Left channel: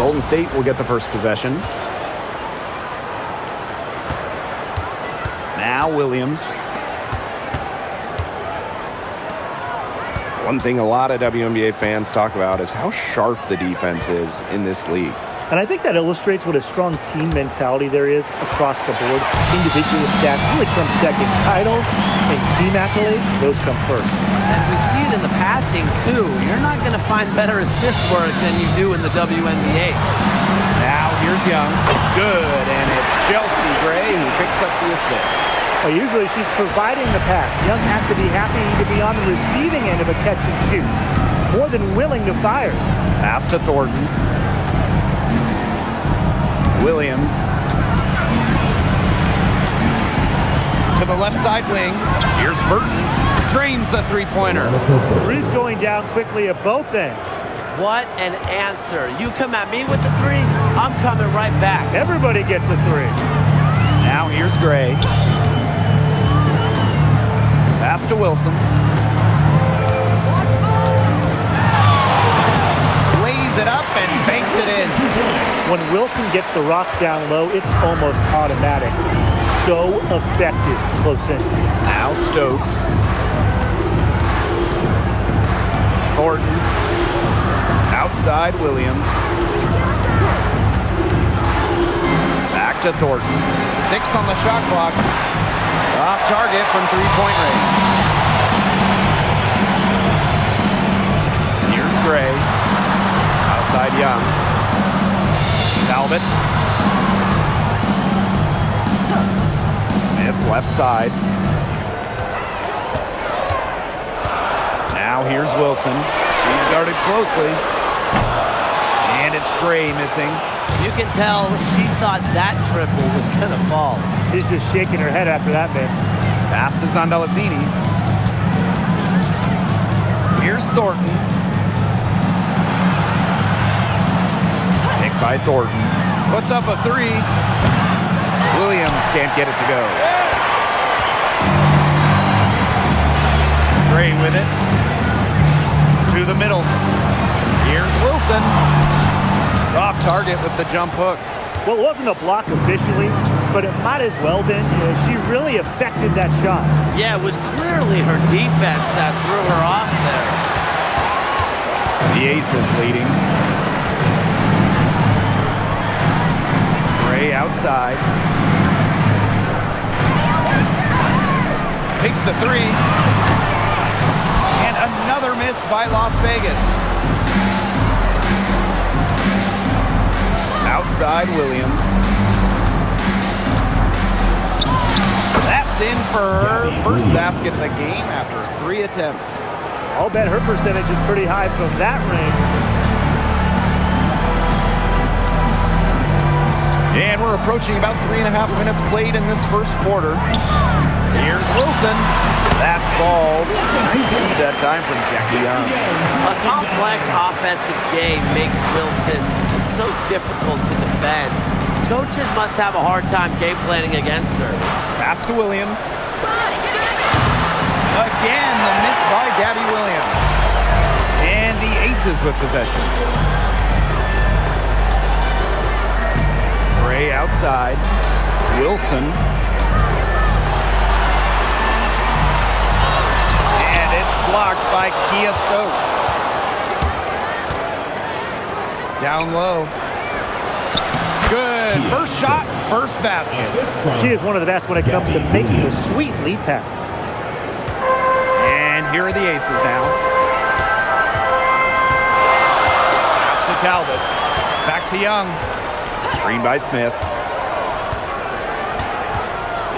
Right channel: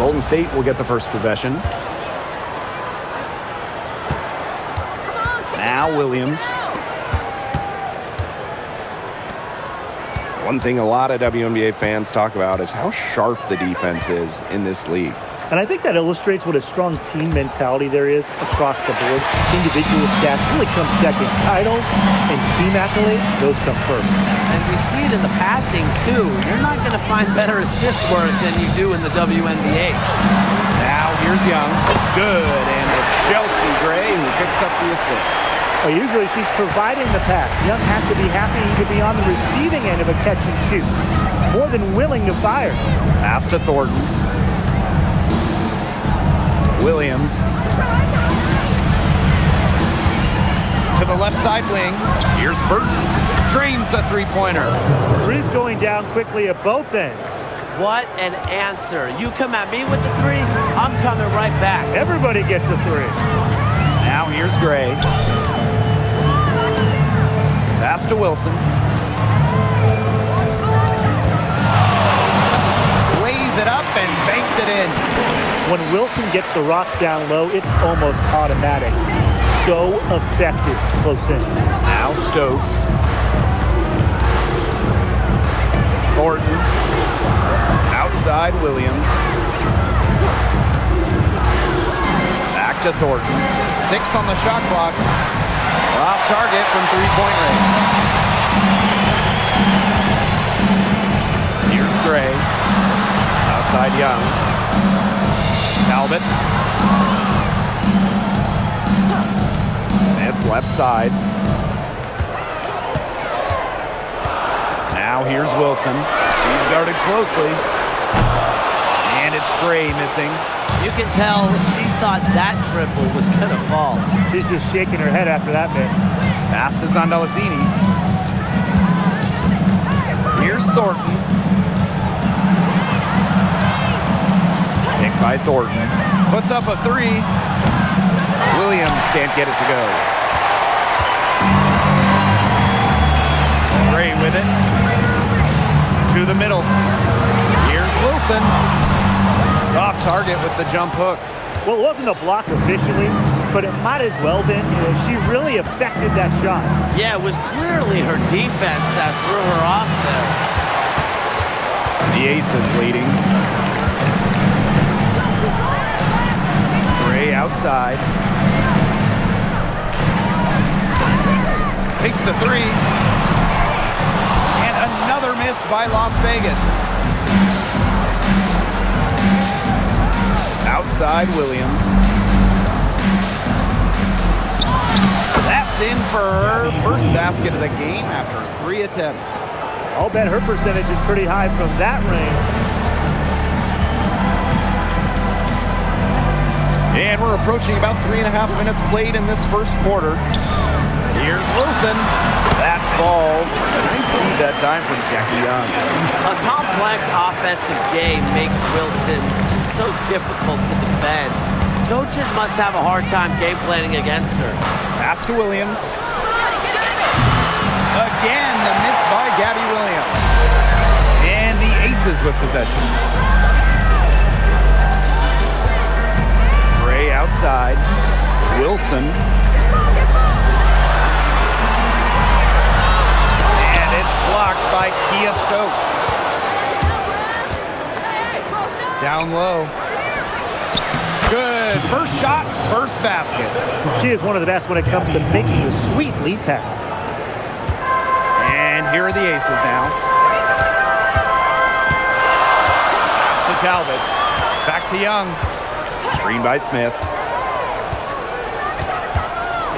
Golden State will get the first possession. Now Williams. One thing a lot of WNBA fans talk about is how sharp the defense is in this league. And I think that illustrates what a strong team mentality there is across the board. Individual stats really come second. Titles and team accolades, those come first. And we see it in the passing, too. You're not going to find better assist work than you do in the WNBA. Now here's Young. Good, and it's Chelsea Gray who picks up the assist. Well, usually she's providing the pass. Young has to be happy to be on the receiving end of a catch and shoot. More than willing to fire. Pass to Thornton. Williams. To the left side wing. Here's Burton. Drains the three-pointer. Three's going down quickly at both ends. What an answer. You come at me with the three, I'm coming right back. Everybody gets a three. Now here's Gray. Pass to Wilson. Lays it up and banks it in. When Wilson gets the rock down low, it's almost automatic. So effective close in. Now Stokes. Thornton. Outside Williams. Back to Thornton. 6 on the shot clock. Off target from three-point range. Here's Gray. Outside Young. Talbot. Smith left side. Now here's Wilson. He's guarded closely. And it's Gray missing. You can tell she thought that triple was going to fall. She's just shaking her head after that miss. Pass to Zondalesini. Here's Thornton. Picked by Thornton. Puts up a three. Williams can't get it to go. Gray with it. To the middle. Here's Wilson. Off target with the jump hook. Well, it wasn't a block officially, but it might as well been. She really affected that shot. Yeah, it was clearly her defense that threw her off there. The Aces leading. Gray outside. Takes the three. And another miss by Las Vegas. Outside Williams. That's in for her first basket of the game after 3 attempts. I'll bet her percentage is pretty high from that range. And we're approaching about 3.5 minutes played in this first quarter. Here's Wilson. That falls. Nice feed that time from Jackie Young. A complex offensive game makes Wilson just so difficult to defend. Coaches must have a hard time game planning against her. Pass to Williams. Again, the miss by Gabby Williams. And the Aces with possession. Gray outside. Wilson. And it's blocked by Kia Stokes. Down low. Good. First shot, first basket. She is one of the best when it comes to making the sweet lead pass. And here are the Aces now. Pass to Talbot. Back to Young. Screen by Smith.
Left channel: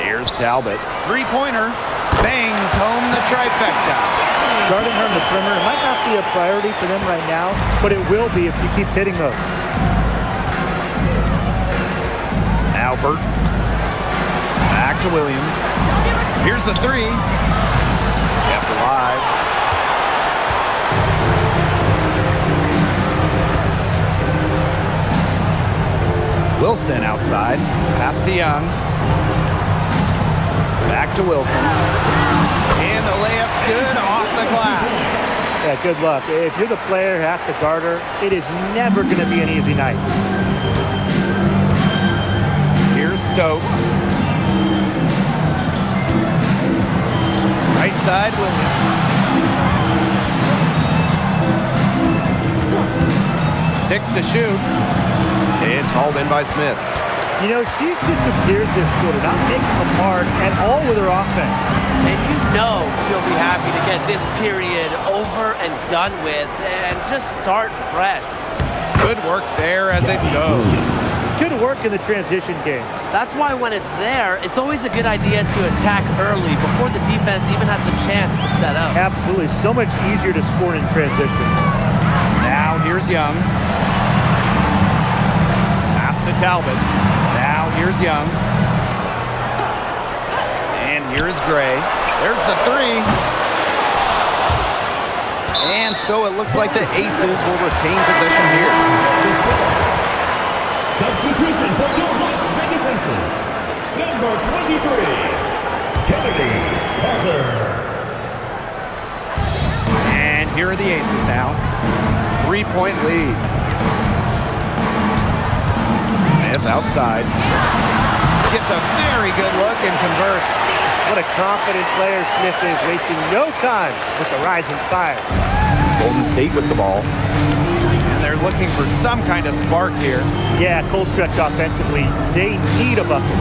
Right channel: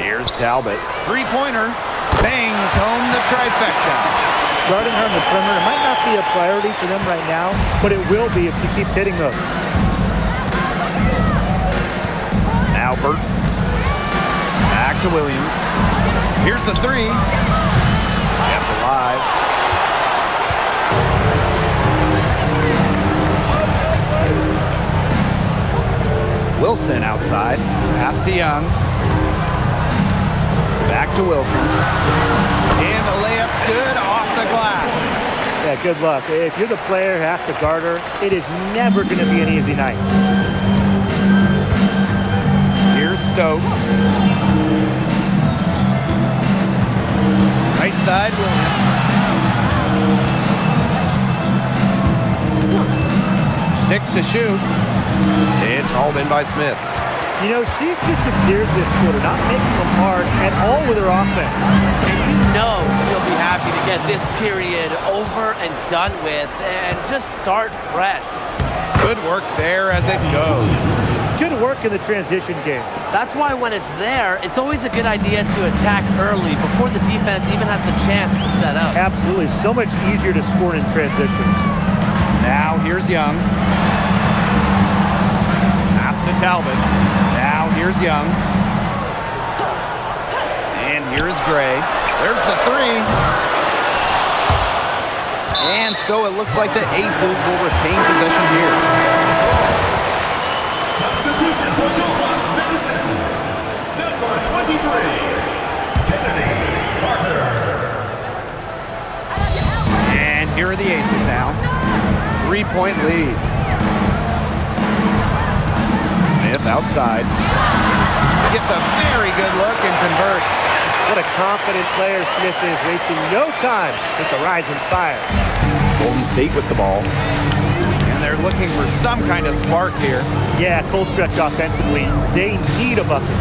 Here's Talbot. Three-pointer. Bangs home the trifecta. Guarding her in the perimeter, it might not be a priority for them right now, but it will be if she keeps hitting those. Now Burton. Back to Williams. Here's the three. Kept alive. Wilson outside. Pass to Young. Back to Wilson. And the layup's good off the glass. Yeah, good luck. If you're the player who has to guard her, it is never going to be an easy night. Here's Stokes. Right side, Williams. 6 to shoot. It's hauled in by Smith. You know, she's disappeared this quarter, not making a mark at all with her offense. And you know she'll be happy to get this period over and done with and just start fresh. Good work there as it goes. Good work in the transition game. That's why when it's there, it's always a good idea to attack early before the defense even has the chance to set up. Absolutely. So much easier to score in transition. Now here's Young. Pass to Talbot. Now here's Young. And here's Gray. There's the three. And so it looks like the Aces will retain possession here. Substitution for your Las Vegas Aces. Number 23, Kennedy Carter. And here are the Aces now. 3-point lead. Smith outside. Gets a very good look and converts. What a confident player Smith is, wasting no time with the rising fire. Golden State with the ball. And they're looking for some kind of spark here. Yeah, cold stretch offensively. They need a bucket.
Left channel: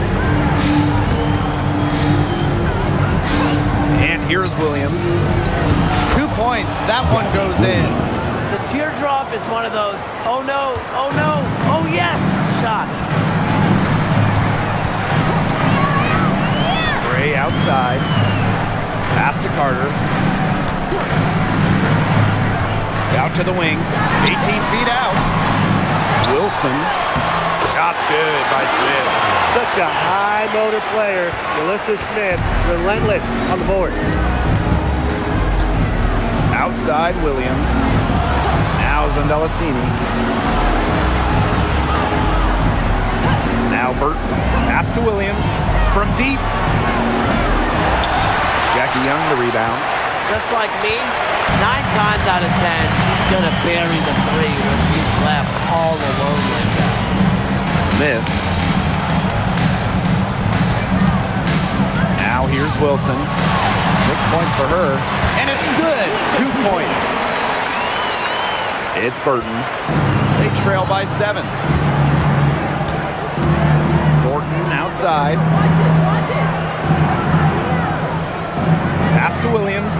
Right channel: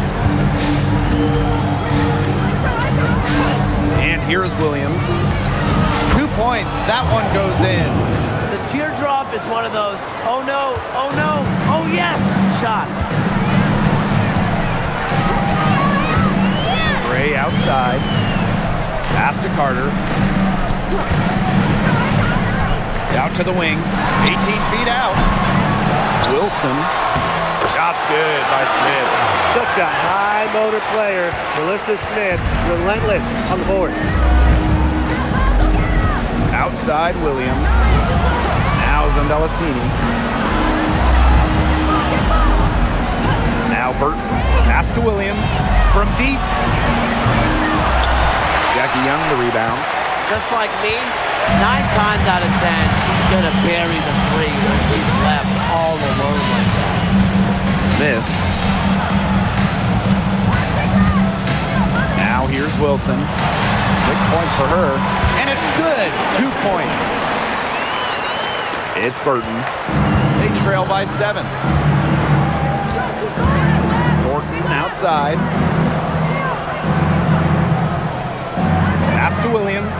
And here's Williams. 2 points. That one goes in. The teardrop is one of those, oh no, oh yes, shots. Gray outside. Pass to Carter. Out to the wing. 18 feet out. Wilson. Shot's good by Smith. Such a high motor player. Melissa Smith, relentless on the boards. Outside Williams. Now Zondelasini. Now Burton. Pass to Williams. From deep. Jackie Young the rebound. Just like me, 9 times out of 10, she's going to bury the three when she's left all alone like that. Smith. Now here's Wilson. 6 points for her. And it's good. 2 points. It's Burton. They trail by 7. Thornton outside. Pass to Williams.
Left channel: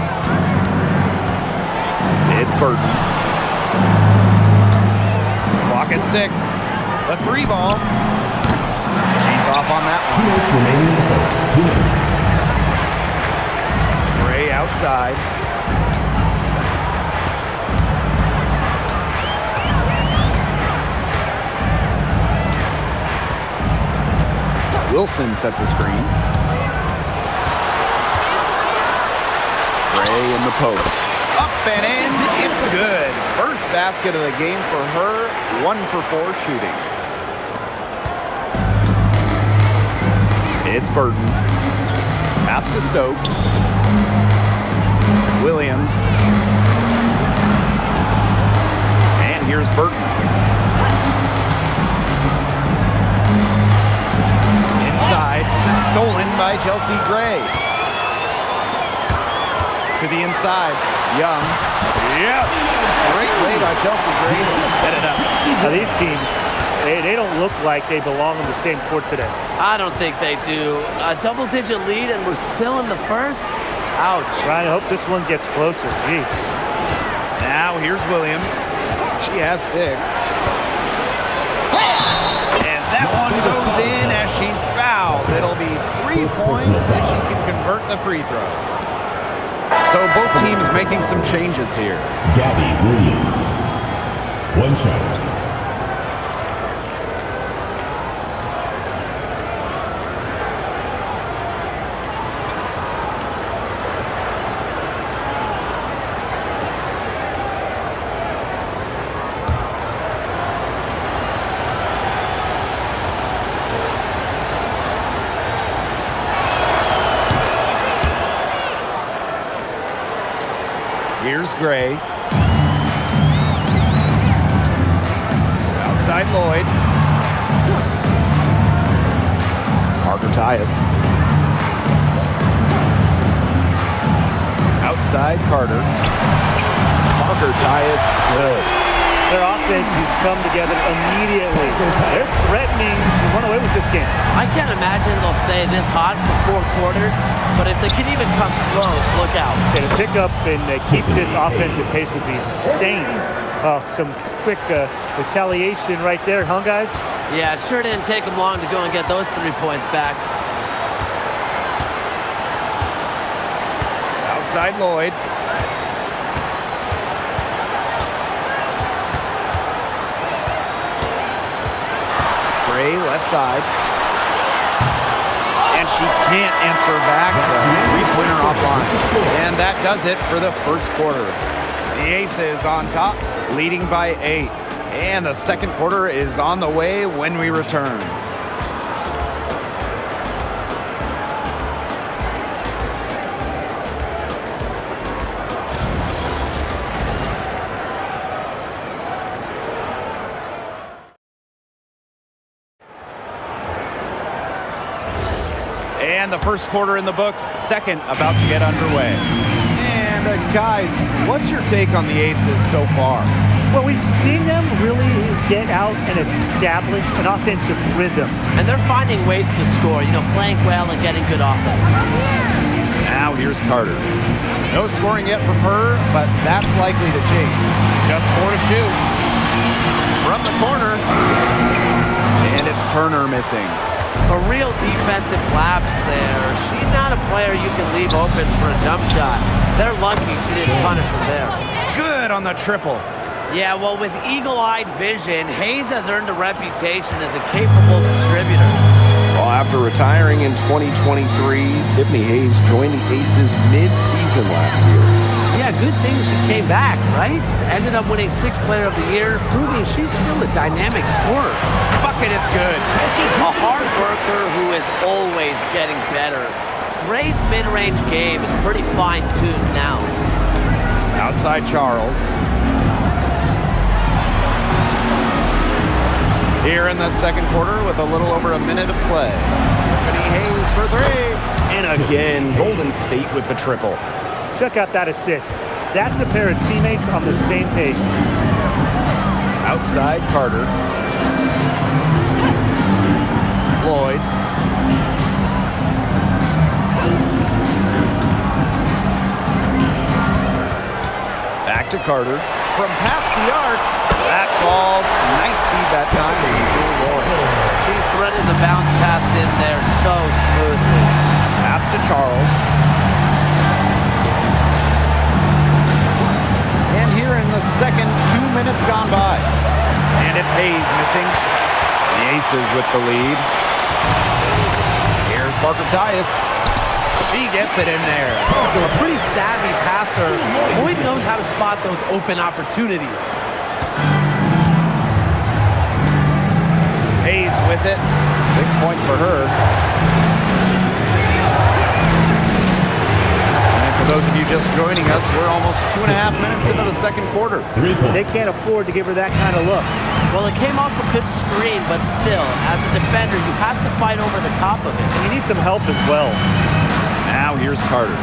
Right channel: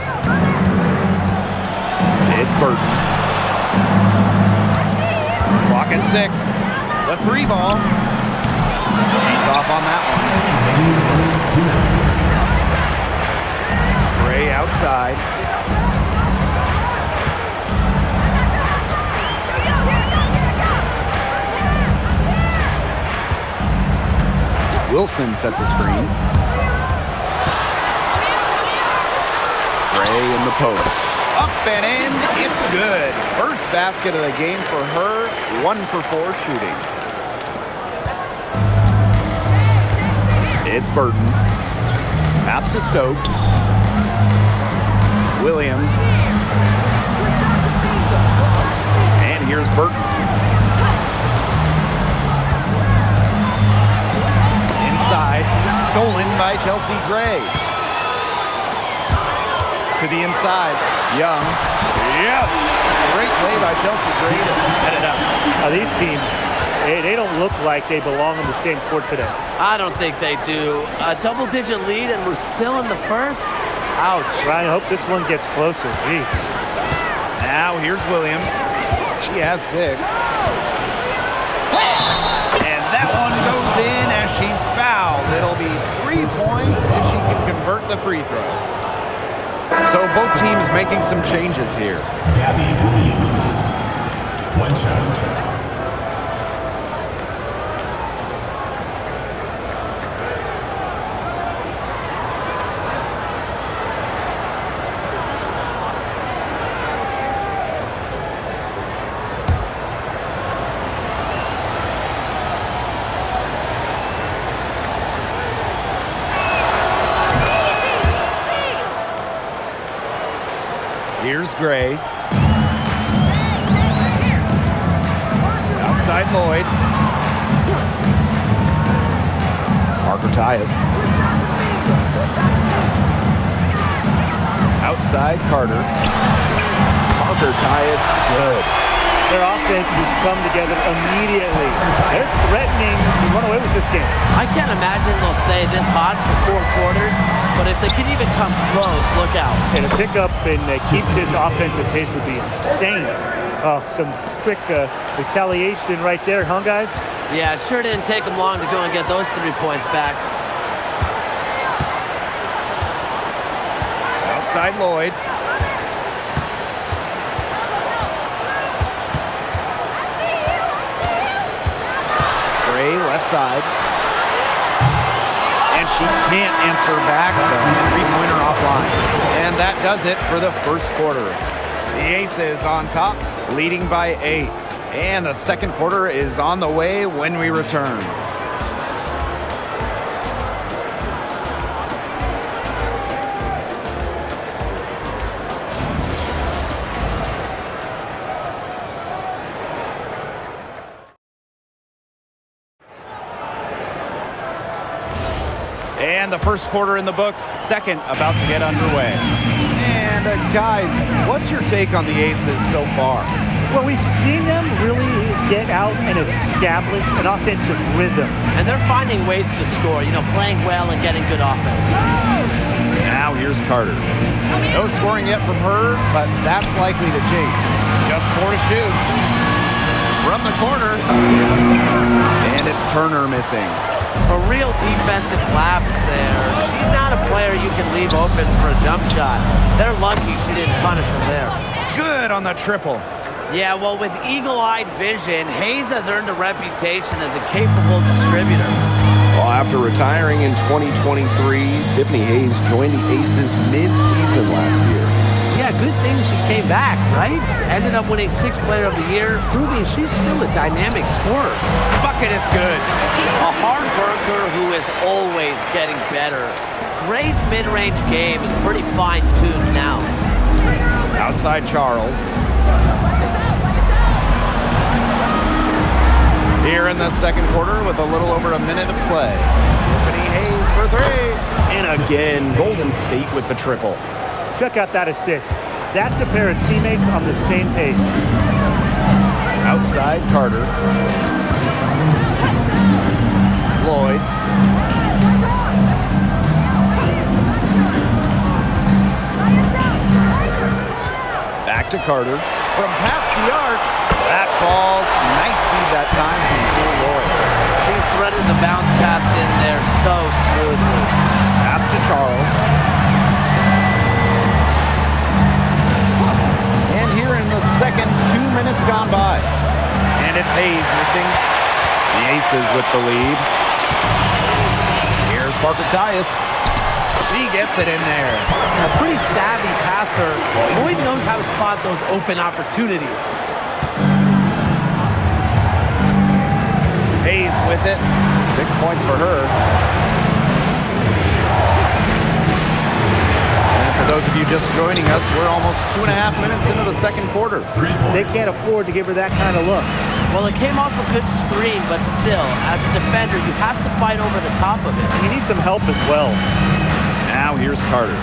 It's Burton. Clock at 6. The 3 ball. She's off on that one. Gray outside. Wilson sets a screen. Gray in the post. Up and in, it's good. First basket of the game for her, 1 for 4 shooting. It's Burton. Pass to Stokes. Williams. And here's Burton. Inside, stolen by Chelsea Gray. To the inside, Young. Yes! Great play by Chelsea Gray to set it up. Now these teams, they don't look like they belong on the same court today. I don't think they do. A double-digit lead and we're still in the first? Ouch. Ryan, I hope this one gets closer. Jeez. Now here's Williams. She has 6. And that one goes in as she's fouled. It'll be 3 points if she can convert the free throw. So both teams making some changes here. Gabby Williams. 1 shot. Here's Gray. Outside Lloyd. Parker Tyus. Outside Carter. Parker Tyus, good. Their offense has come together immediately. They're threatening to run away with this game. I can't imagine they'll stay this hot for 4 quarters, but if they can even come close, look out. And to pick up and keep this offensive pace would be insane. Oh, some quick retaliation right there, huh, guys? Yeah, it sure didn't take them long to go and get those 3 points back. Outside Lloyd. Gray left side. And she can't answer back the three-pointer offline. And that does it for the first quarter. The Aces on top, leading by 8. And the second quarter is on the way when we return. And the first quarter in the books, second about to get underway. And guys, what's your take on the Aces so far? Well, we've seen them really get out and establish an offensive rhythm. And they're finding ways to score, playing well and getting good offense. Now here's Carter. No scoring yet from her, but that's likely to change. Just 4 to shoot. From the corner. And it's Turner missing. A real defensive lapse there. She's not a player you can leave open for a jump shot. They're lucky she didn't punish him there. Good on the triple. Yeah, well, with eagle-eyed vision, Hayes has earned a reputation as a capable distributor. Well, after retiring in 2023, Tiffany Hayes joined the Aces mid-season last year. Yeah, good thing she came back, right? Ended up winning 6th Player of the Year, proving she's still a dynamic scorer. Bucket is good. A hard worker who is always getting better. Gray's mid-range game is pretty fine-tuned now. Outside Charles. Here in the second quarter with a little over a minute to play. Tiffany Hayes for 3. And again, Golden State with the triple. Check out that assist. That's a pair of teammates on the same page. Outside Carter. Lloyd. Back to Carter. From past the arc. That falls. Nice feed that time from Lloyd. She threaded the bounce pass in there so smoothly. Pass to Charles. And here in the second, 2 minutes gone by. And it's Hayes missing. The Aces with the lead. Here's Parker Tyus. She gets it in there. A pretty savvy passer. Lloyd knows how to spot those open opportunities. Hayes with it. 6 points for her. And for those of you just joining us, we're almost 2.5 minutes into the second quarter. 3 points. They can't afford to give her that kind of look. Well, it came off a good screen, but still, as a defender, you have to fight over the top of it. And you need some help as well. Now here's Carter.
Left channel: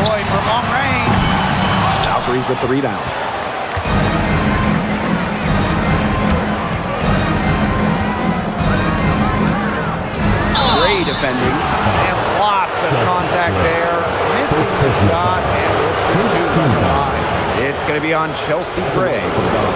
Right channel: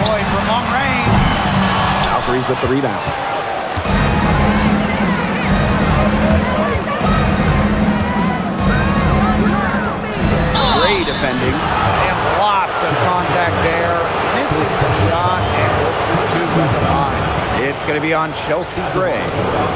Lloyd from long range. Valkyries with the rebound. Great defending. And lots of contact there. Missing the shot and will shoot 2 at the line. It's going to be on Chelsea Gray.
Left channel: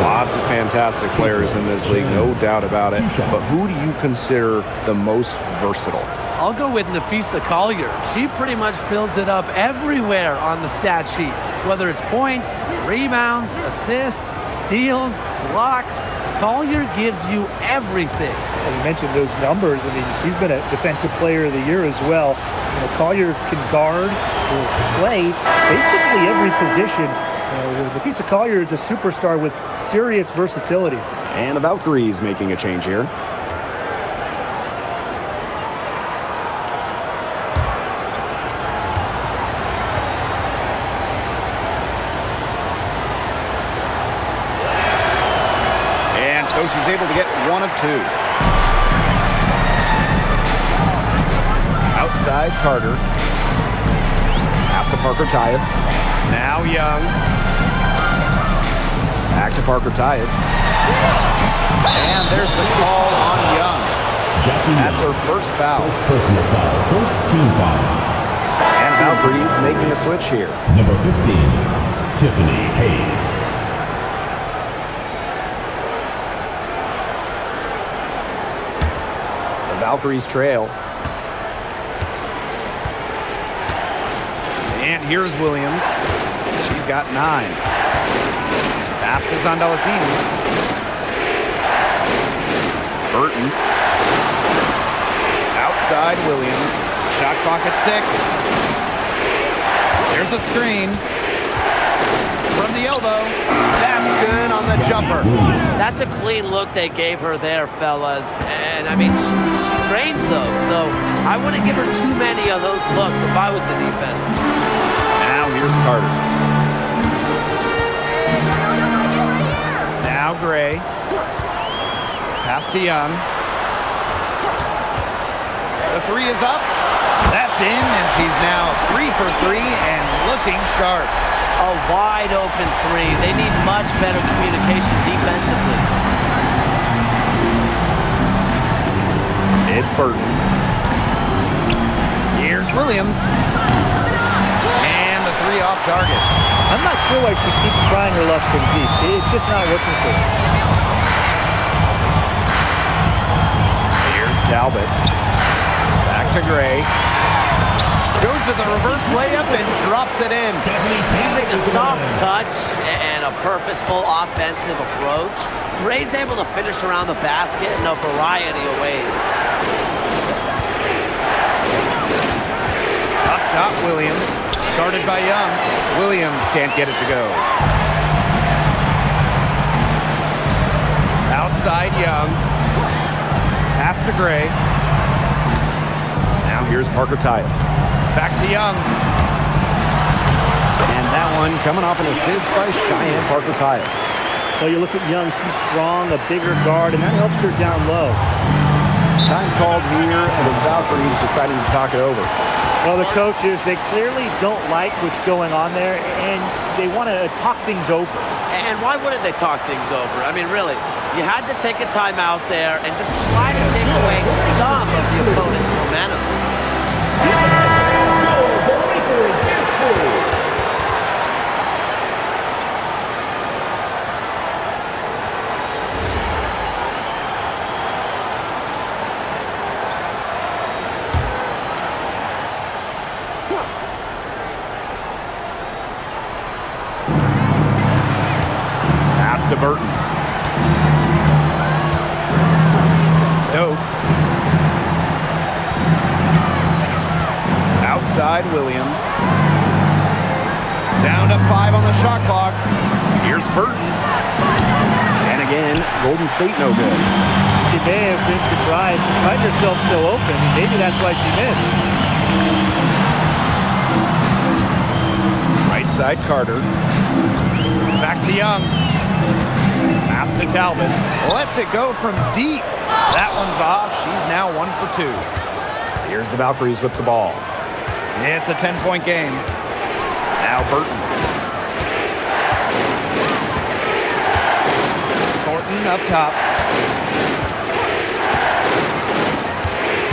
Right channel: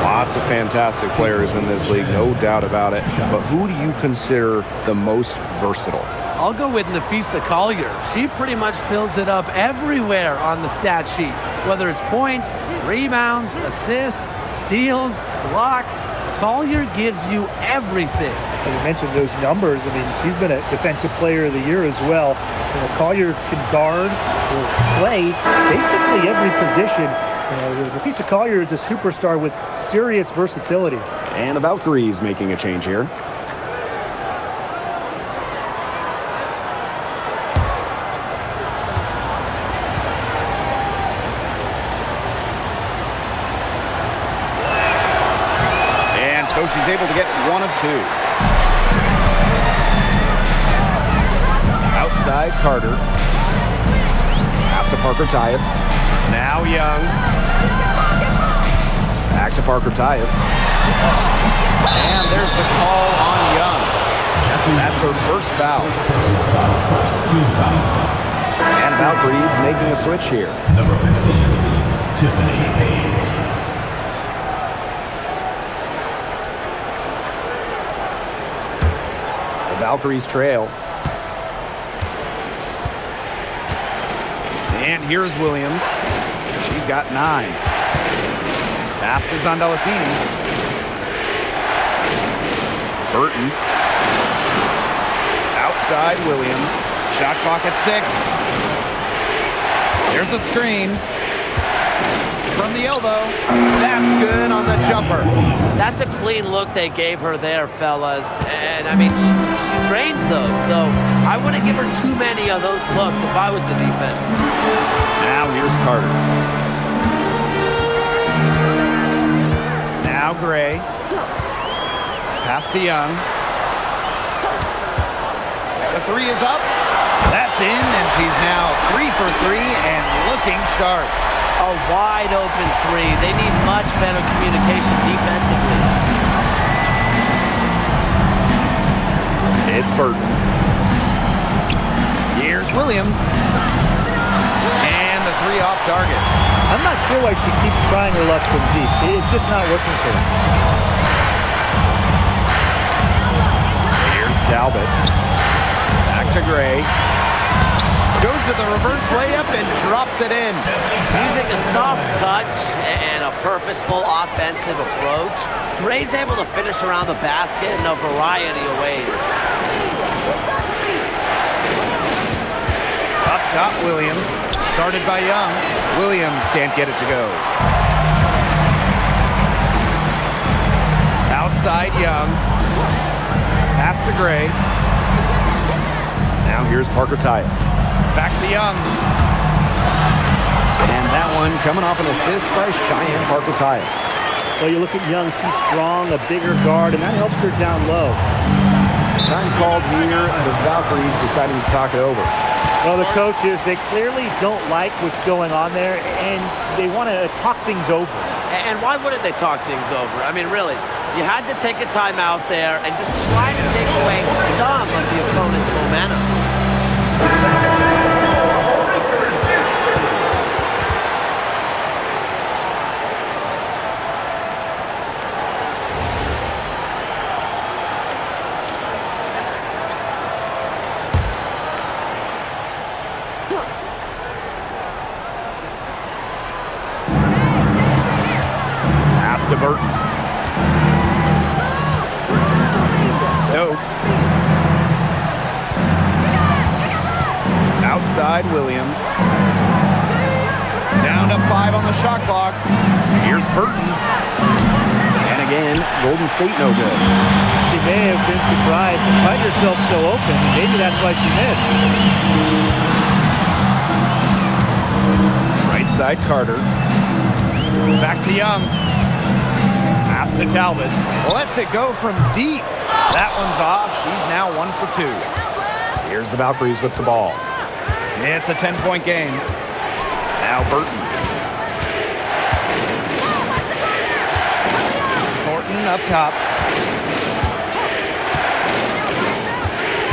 Lots of fantastic players in this league, no doubt about it. But who do you consider the most versatile? I'll go with Nafisa Collier. She pretty much fills it up everywhere on the stat sheet, whether it's points, rebounds, assists, steals, blocks. Collier gives you everything. And you mentioned those numbers. I mean, she's been a defensive player of the year as well. Collier can guard or play basically every position. Nafisa Collier is a superstar with serious versatility. And the Valkyries making a change here. so she's able to get one of two. Outside Carter. Pass to Parker Tyus. Now Young. Back to Parker Tyus. And there's the call on Young. That's her first foul. Personal foul. First team foul. And Valkyries making a switch here. Number 15, Tiffany Hayes. The Valkyries trail. And here's Williams. She's got 9. Pass to Zondalacini. Burton. Outside Williams. Shot clock at 6. There's a screen. From the elbow. That's good on the jumper. That's a clean look they gave her there, fellas. And, I mean, she trains those, so I wouldn't give her too many of those looks if I was the defense. Now here's Carter. Now Gray. Pass to Young. The 3 is up. That's in, and she's now 3 for 3 and looking sharp. A wide open 3. They need much better communication defensively. It's Burton. Here's Williams. And the 3 off target. I'm not sure why she keeps trying her luck from deep. It's just not working for her. Here's Talbot. Back to Gray. Goes to the reverse layup and drops it in. Using a soft touch and a purposeful offensive approach, Gray's able to finish around the basket in a variety of ways. Up top, Williams. Guarded by Young. Williams can't get it to go. Outside Young. Pass to Gray. Now here's Parker Tyus. Back to Young. And that one coming off an assist by Cheyenne Parker Tyus. Well, you look at Young, she's strong, a bigger guard, and that helps her down low. Time called here, and the Valkyries deciding to talk it over. Well, the coaches, they clearly don't like what's going on there, and they want to talk things over. And why wouldn't they talk things over? I mean, really, you had to take a timeout there and just try to take away some of the opponent's momentum. Pass to Burton. Stokes. Outside Williams. Down to 5 on the shot clock. Here's Burton. And again, Golden State no good. She may have been surprised to find herself so open, and maybe that's why she missed. Right side Carter. Back to Young. Pass to Talbot. Lets it go from deep. That one's off. She's now 1 for 2. Here's the Valkyries with the ball. It's a 10-point game. Now Burton. Thornton up top.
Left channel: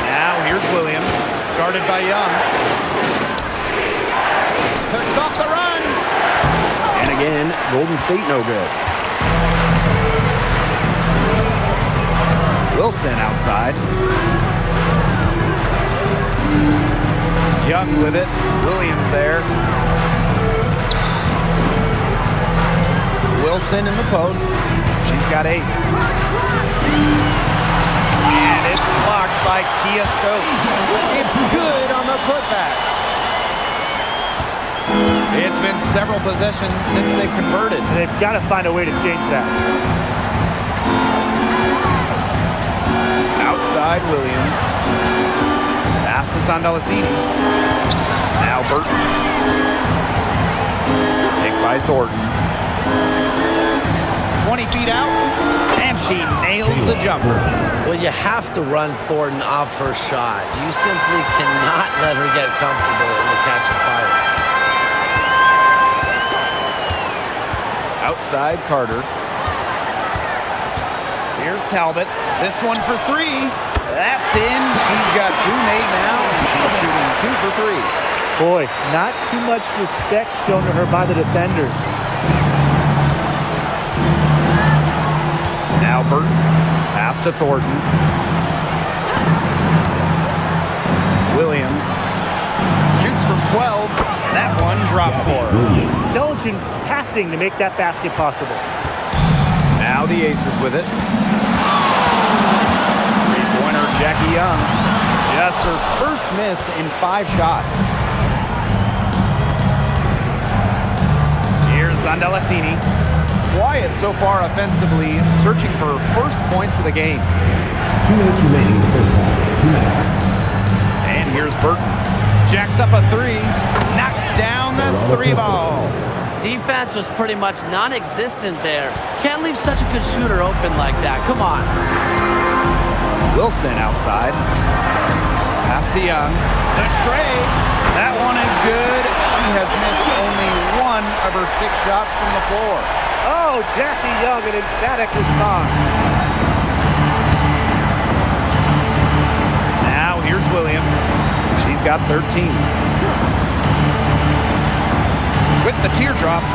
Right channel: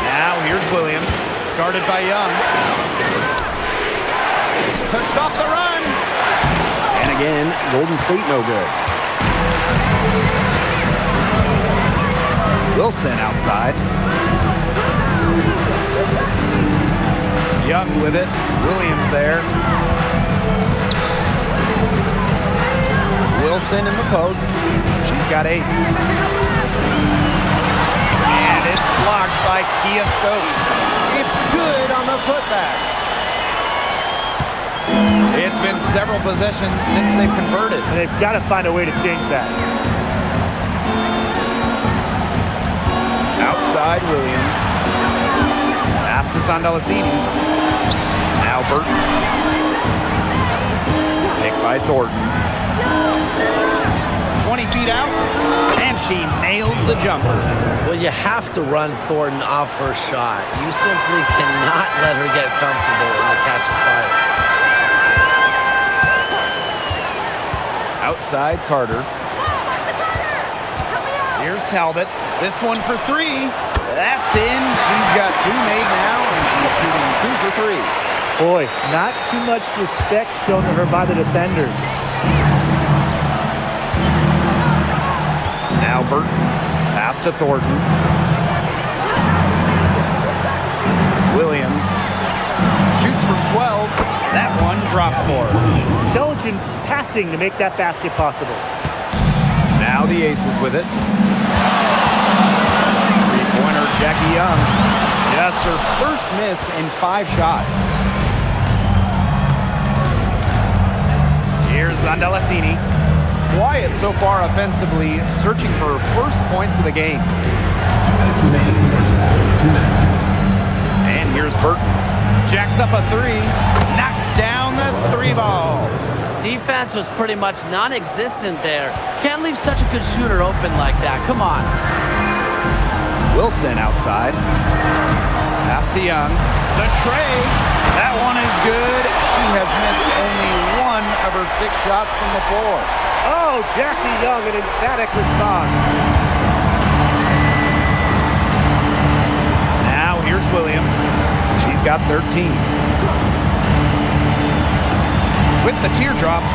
Now here's Williams. Guarded by Young. To stop the run. And again, Golden State no good. Wilson outside. Young with it. Williams there. Wilson in the post. She's got 8. And it's blocked by Kia Stokes. It's good on the putback. It's been several possessions since they've converted. And they've got to find a way to change that. Outside Williams. Pass to Zondalacini. Now Burton. Picked by Thornton. 20 feet out, and she nails the jumper. Well, you have to run Thornton off her shot. You simply cannot let her get comfortable in the catch and fire. Outside Carter. Here's Talbot. This one for three. That's in. She's got two made now, and she's shooting 2 for 3. Boy, not too much respect shown to her by the defenders. Now Burton. Pass to Thornton. Williams. Shoots from 12. That one drops for her. Intelligent passing to make that basket possible. Now the Aces with it. Three-pointer, Jackie Young. Just her first miss in 5 shots. Here's Zandalacini. Quiet so far offensively, searching for her first points of the game. 2 minutes remaining in the first half. 2 minutes. And here's Burton. Jacks up a 3. Knocks down the 3 ball. Defense was pretty much non-existent there. Can't leave such a good shooter open like that. Come on. Wilson outside. Pass to Young. The tray. That one is good. She has missed only 1 of her 6 shots from the floor. Oh, Jackie Young, an emphatic response. Now here's Williams. She's got 13. With the teardrop.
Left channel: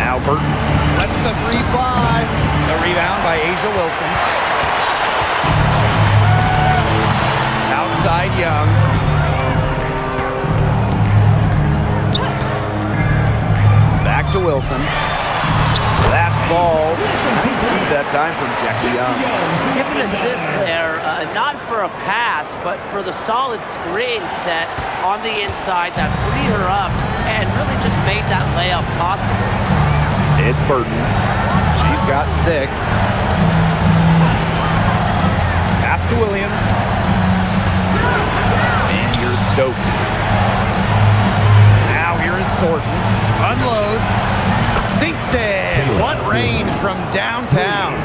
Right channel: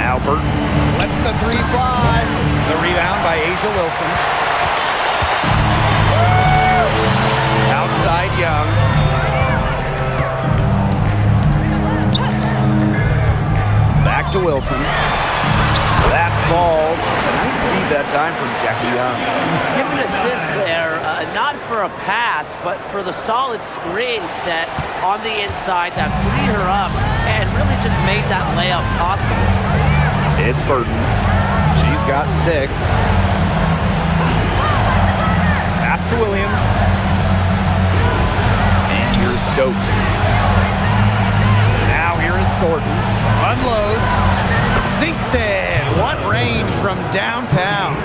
Now Burton lets the 3 fly. The rebound by Asia Wilson. Outside Young. Back to Wilson. That falls. Nice speed that time from Jackie Young. Give an assist there, not for a pass, but for the solid screen set on the inside that freed her up and really just made that layup possible. It's Burton. She's got 6. Pass to Williams. And here's Stokes. Now here is Thornton. Unloads. Sinks in. What range from downtown.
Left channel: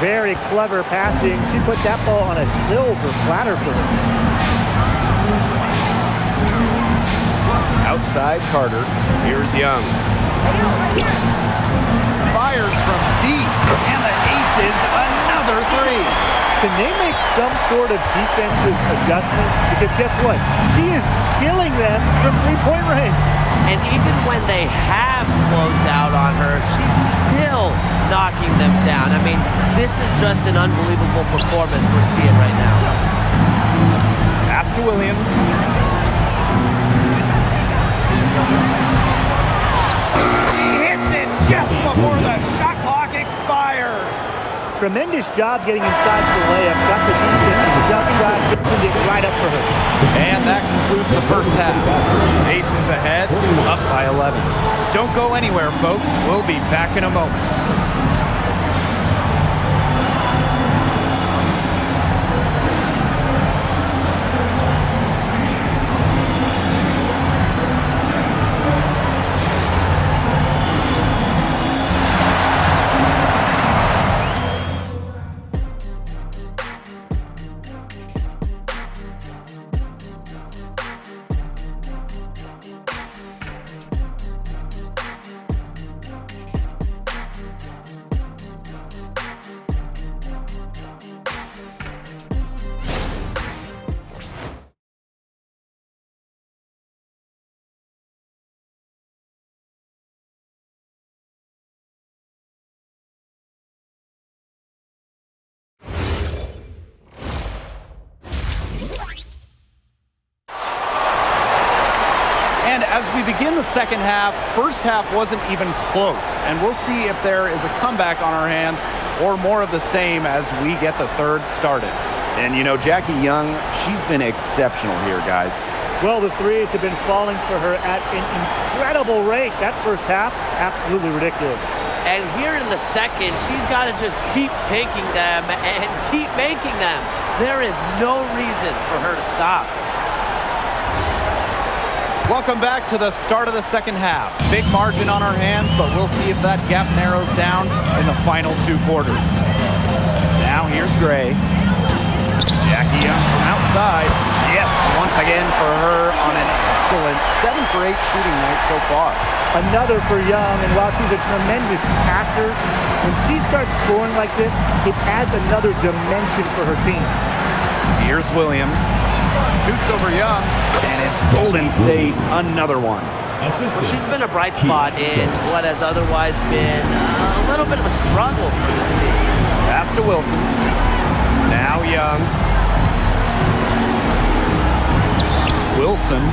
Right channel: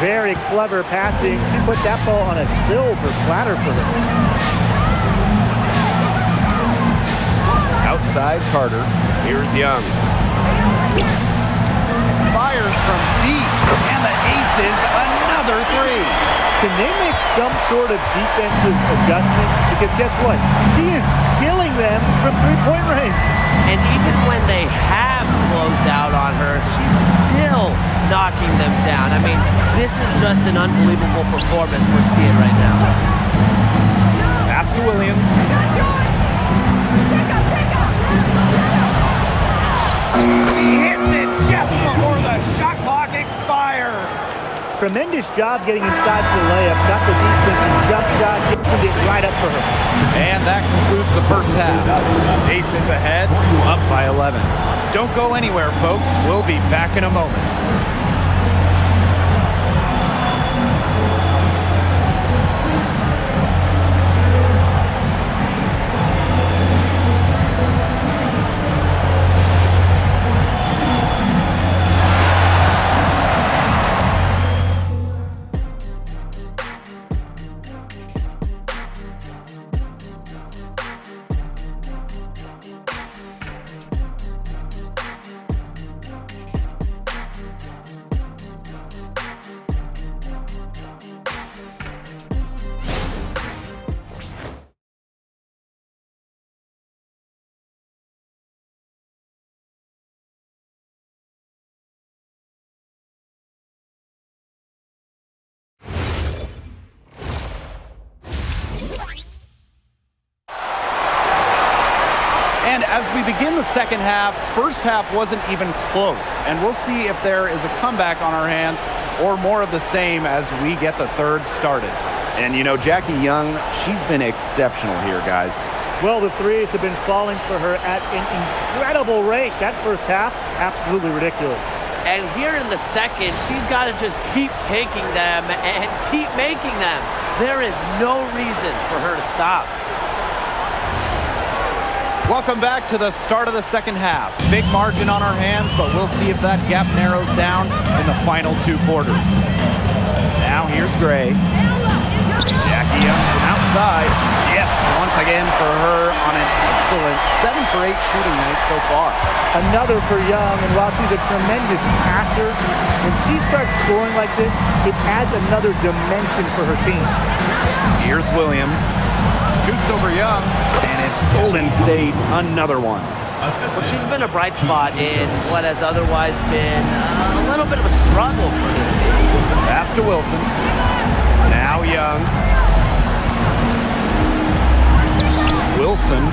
Very clever passing. She put that ball on a silver platter for her. Outside Carter. Here's Young. Fires from deep. And the Aces another 3. Can they make some sort of defensive adjustment? Because guess what? She is killing them from three-point range. And even when they have closed out on her, she's still knocking them down. I mean, this is just an unbelievable performance we're seeing right now. Pass to Williams. He hits it just before the shot clock expires. Tremendous job getting inside for the layup. Got the defensive jump shot, getting it right up for her. And that concludes the first half. Aces ahead, up by 11. Don't go anywhere, folks. We'll be back in a moment. And as we begin the second half, first half wasn't even close. And we'll see if there is a comeback on our hands or more of the same as we get the third started. And you know, Jackie Young, she's been exceptional here, guys. Well, the threes have been falling for her at an incredible rate. That first half, absolutely ridiculous. And here in the second, she's got to just keep taking them and keep making them. There is no reason for her to stop. Welcome back to the start of the second half. Big margin on our hands, but we'll see if that gap narrows down in the final 2 quarters. Now here's Gray. Jackie Young from outside. Yes, once again for her on an excellent 7 for 8 shooting night so far. Another for Young, and while she's a tremendous passer, when she starts scoring like this, it adds another dimension for her team. Here's Williams. Shoots over Young, and it's Golden State, another one. Well, she's been a bright spot in what has otherwise been a little bit of a struggle for this team. Pass to Wilson. Now Young. Wilson.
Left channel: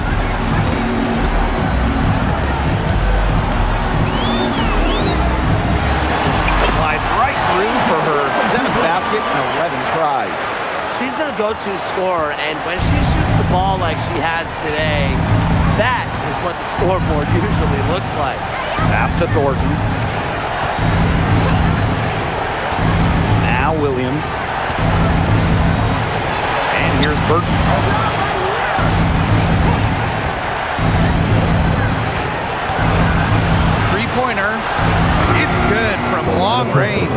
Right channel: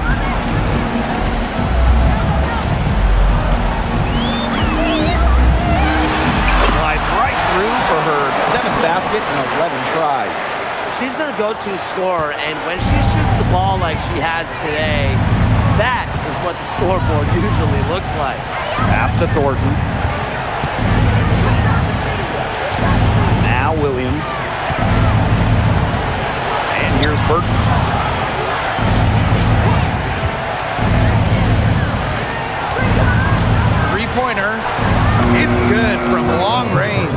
Slides right through for her 7th basket and 11 tries. She's their go-to scorer, and when she shoots the ball like she has today, that is what the scoreboard usually looks like. Pass to Thornton. Now Williams. And here's Burton. Three-pointer. It's good from long range.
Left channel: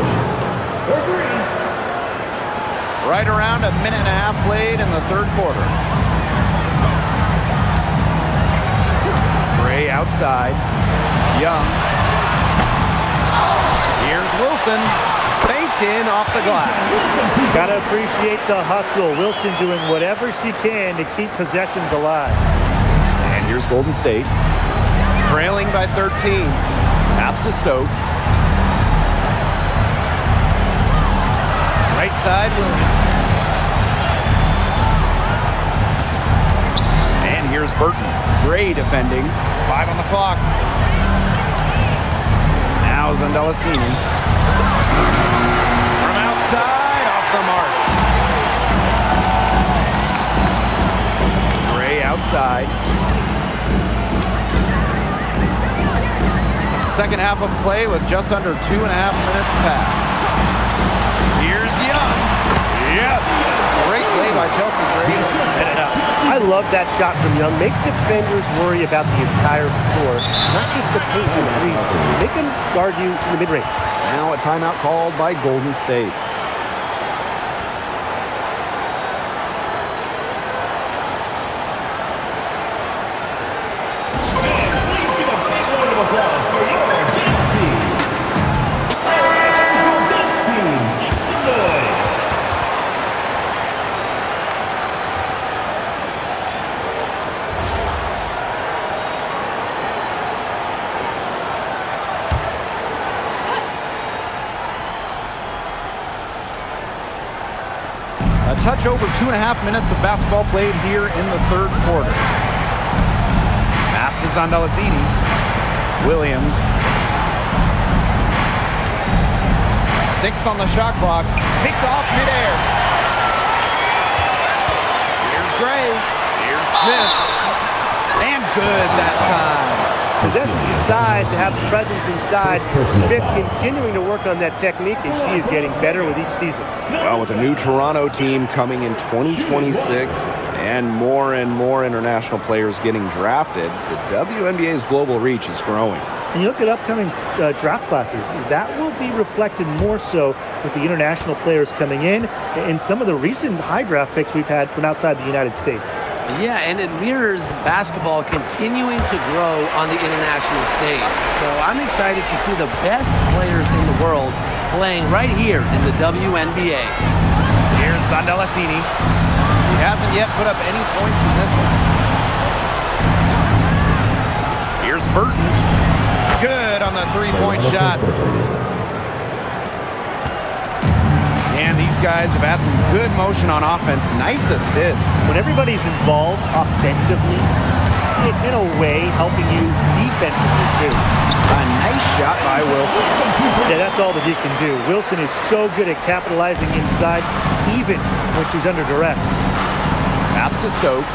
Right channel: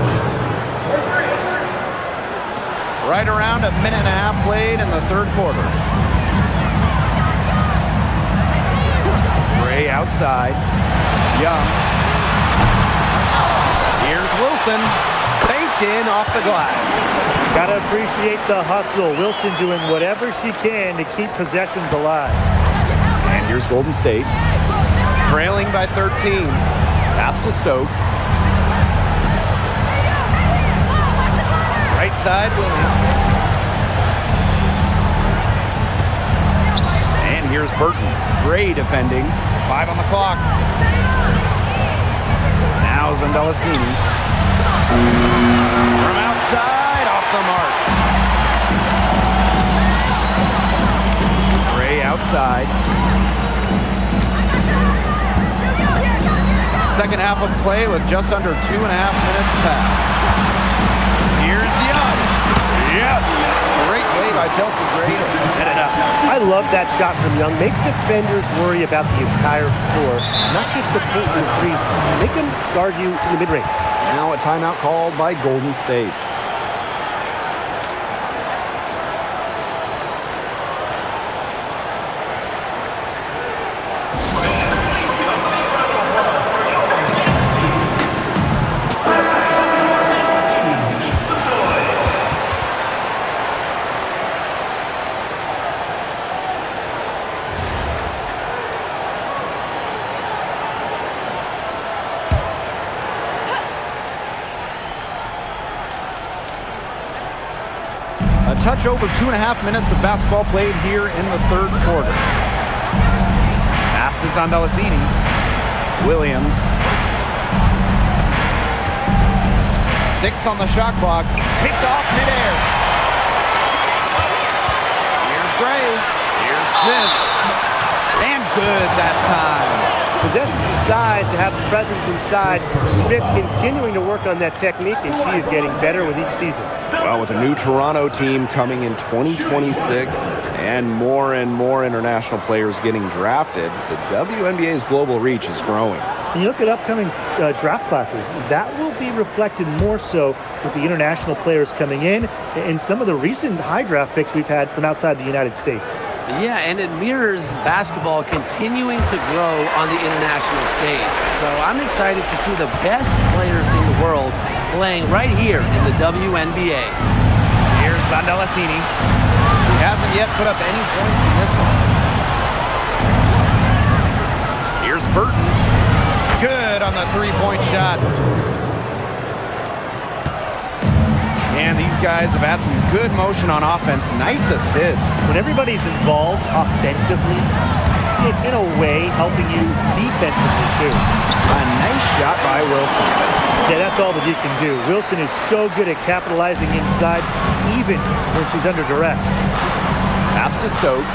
Right around a minute and a half played in the 3rd quarter. Gray outside. Young. Here's Wilson. Baked in off the glass. Gotta appreciate the hustle. Wilson doing whatever she can to keep possessions alive. And here's Golden State. Trailing by 13. Pass to Stokes. Right side, Williams. And here's Burton. Gray defending. 5 on the clock. Now Zandalasini. From outside, off the mark. Gray outside. Second half of play with just under 2.5 minutes passed. Here's Young. Yes. Great play by Chelsea Gray to set it up. I love that shot from Young. Make defenders worry about the entire floor, not just the paint and threes. Make them guard you in the mid-range. Now a timeout called by Golden State. A touch over 2.5 minutes of basketball played here in the 3rd quarter. Pass to Zandalasini. Williams. 6 on the shot clock. Picked off midair. Here's Gray. Here's Smith. And good that time. Possesses the size to have the presence inside. Smith continuing to work on that technique, and she is getting better with each season. Well, with a new Toronto team coming in 2026 and more international players getting drafted, the WNBA's global reach is growing. And you look at upcoming draft classes, that will be reflected more so with the international players coming in and some of the recent high draft picks we've had from outside the United States. Yeah, and it mirrors basketball continuing to grow on the international stage. So I'm excited to see the best players in the world playing right here in the WNBA. Here's Zandalasini. He hasn't yet put up any points in this one. Here's Burton. Good on the 3-point shot. And these guys have had some good motion on offense. Nice assists. When everybody's involved offensively, it's in a way helping you defensively too. A nice shot by Wilson. Yeah, that's all that you can do. Wilson is so good at capitalizing inside, even when she's under duress. Pass to Stokes.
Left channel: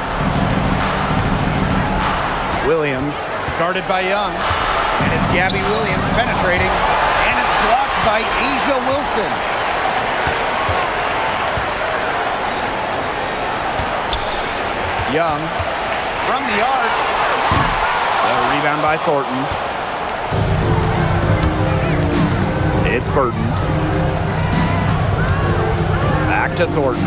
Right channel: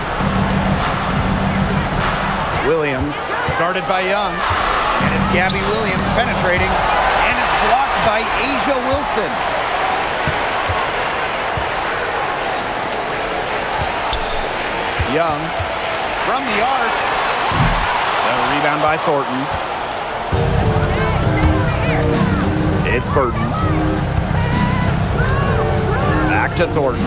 Williams, guarded by Young. And it's Gabby Williams penetrating. And it's blocked by Asia Wilson. Young from the arc. The rebound by Thornton. It's Burton. Back to Thornton.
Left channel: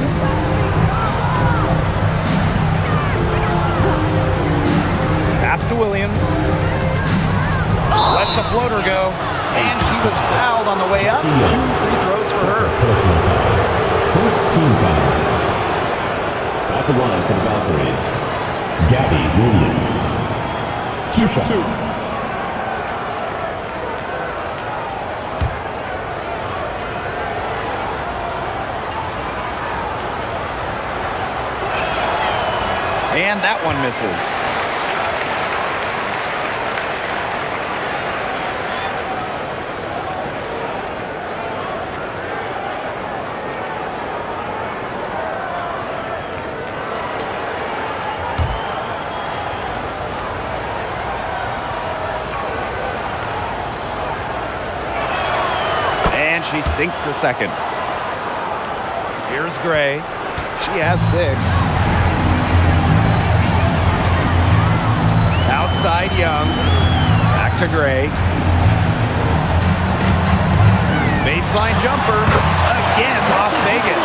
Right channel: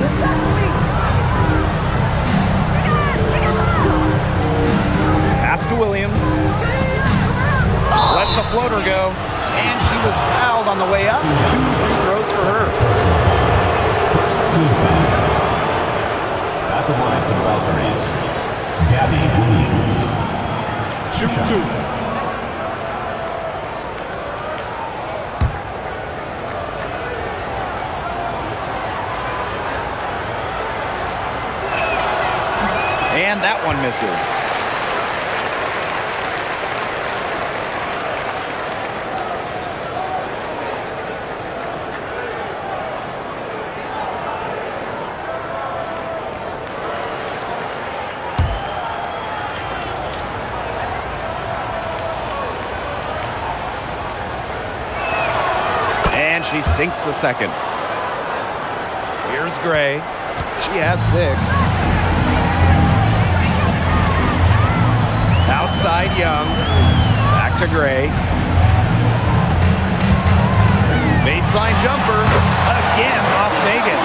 Pass to Williams. Lets the floater go. And she was fouled on the way up. 2 free throws for her. First team foul. At the line for the Valkyries, Gabby Williams. Shoot 2. And that one misses. And she sinks the second. Here's Gray. She has 6. Outside Young. Back to Gray. Baseline jumper. Again, Las Vegas.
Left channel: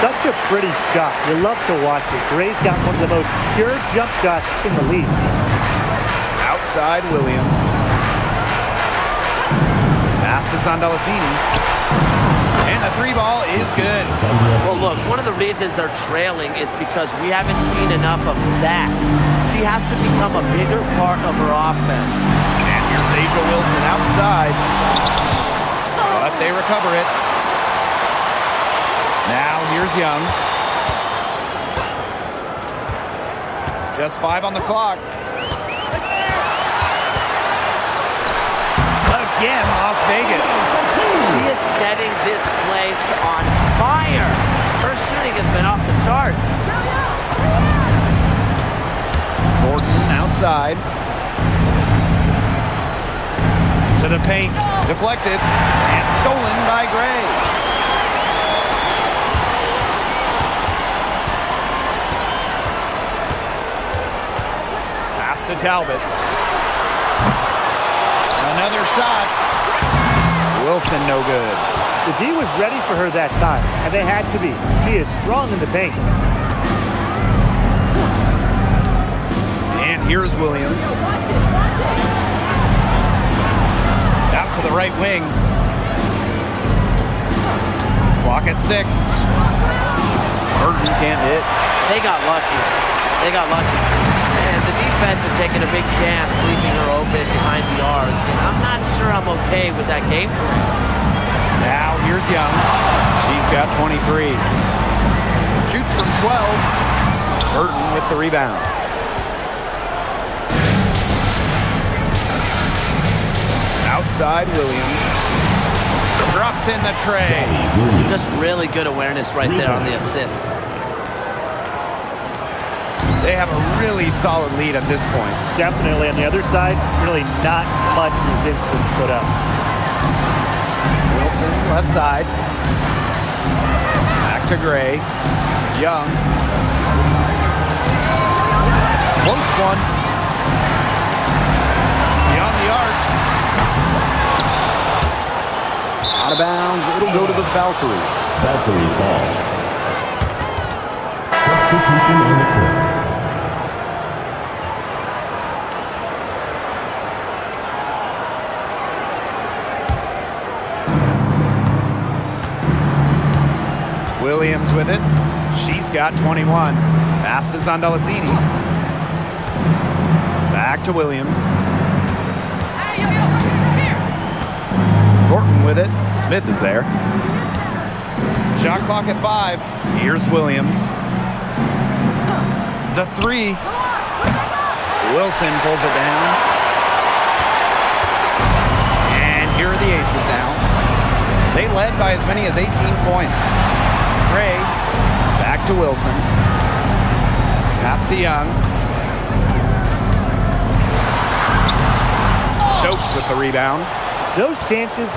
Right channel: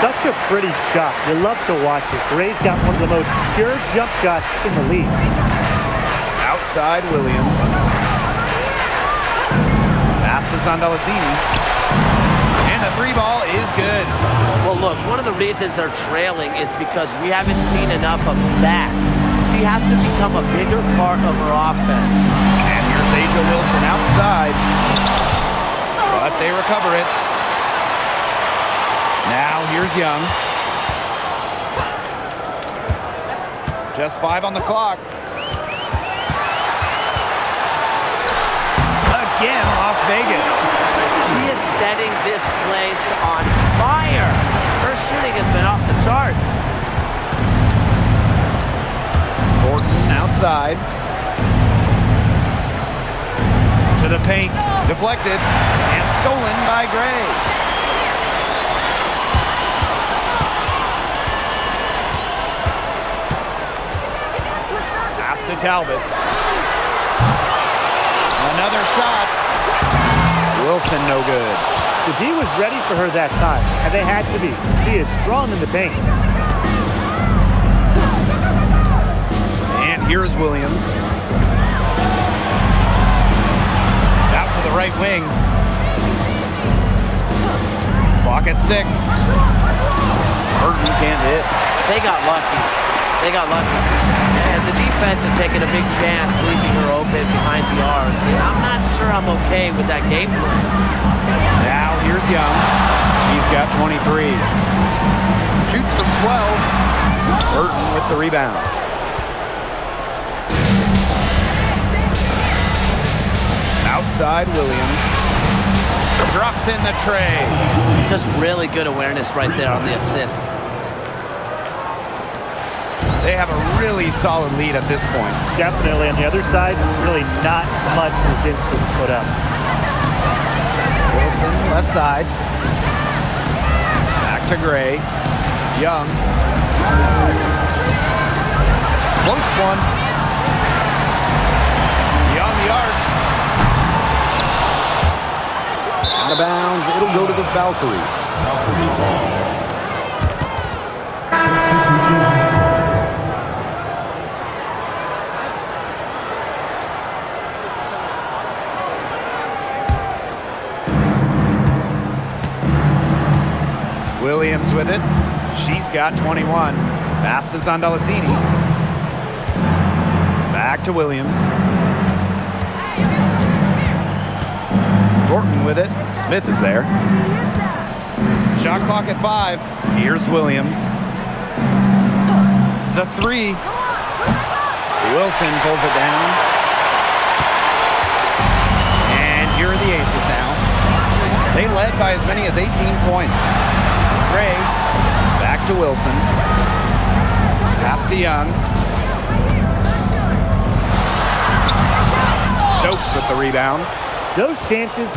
Such a pretty shot. You love to watch it. Gray's got one of the most pure jump shots in the league. Outside Williams. Pass to Sandalacini. And the 3 ball is good. Well, look, one of the reasons they're trailing is because we haven't seen enough of that. She has to become a bigger part of her offense. And here's Asia Wilson outside. But they recover it. Now here's Young. Just 5 on the clock. Again, Las Vegas. She is setting this place on fire. Her shooting has been off the charts. Thornton outside. To the paint. Deflected. And stolen by Gray. Pass to Talbot. Another shot. Wilson no good. The D was ready for her that time, and they had to be. She is strong in the paint. And here's Williams. Out to the right wing. Clock at 6. Burton can't hit. They got lucky. They got lucky. And the defense is taking a big chance, leaving her open behind the arc. And I'm not sure I'm okay with that game plan. Now here's Young. She's got 23. Shoots from 12. Burton with the rebound. Outside Williams. Drops in the tray. Just really good awareness right there on the assist. They have a really solid lead at this point. Definitely on the other side, really not much resistance put up. Wilson left side. Back to Gray. Young. Close one. Beyond the arc. Out of bounds. It'll go to the Valkyries. Valkyries ball. Substitution on the court. Williams with it. She's got 21. Pass to Sandalacini. Back to Williams. Thornton with it. Smith is there. Shot clock at 5. Here's Williams. The 3. Wilson pulls it down. And here are the Aces now. They led by as many as 18 points. Gray, back to Wilson. Pass to Young. Stokes with the rebound. Those chances,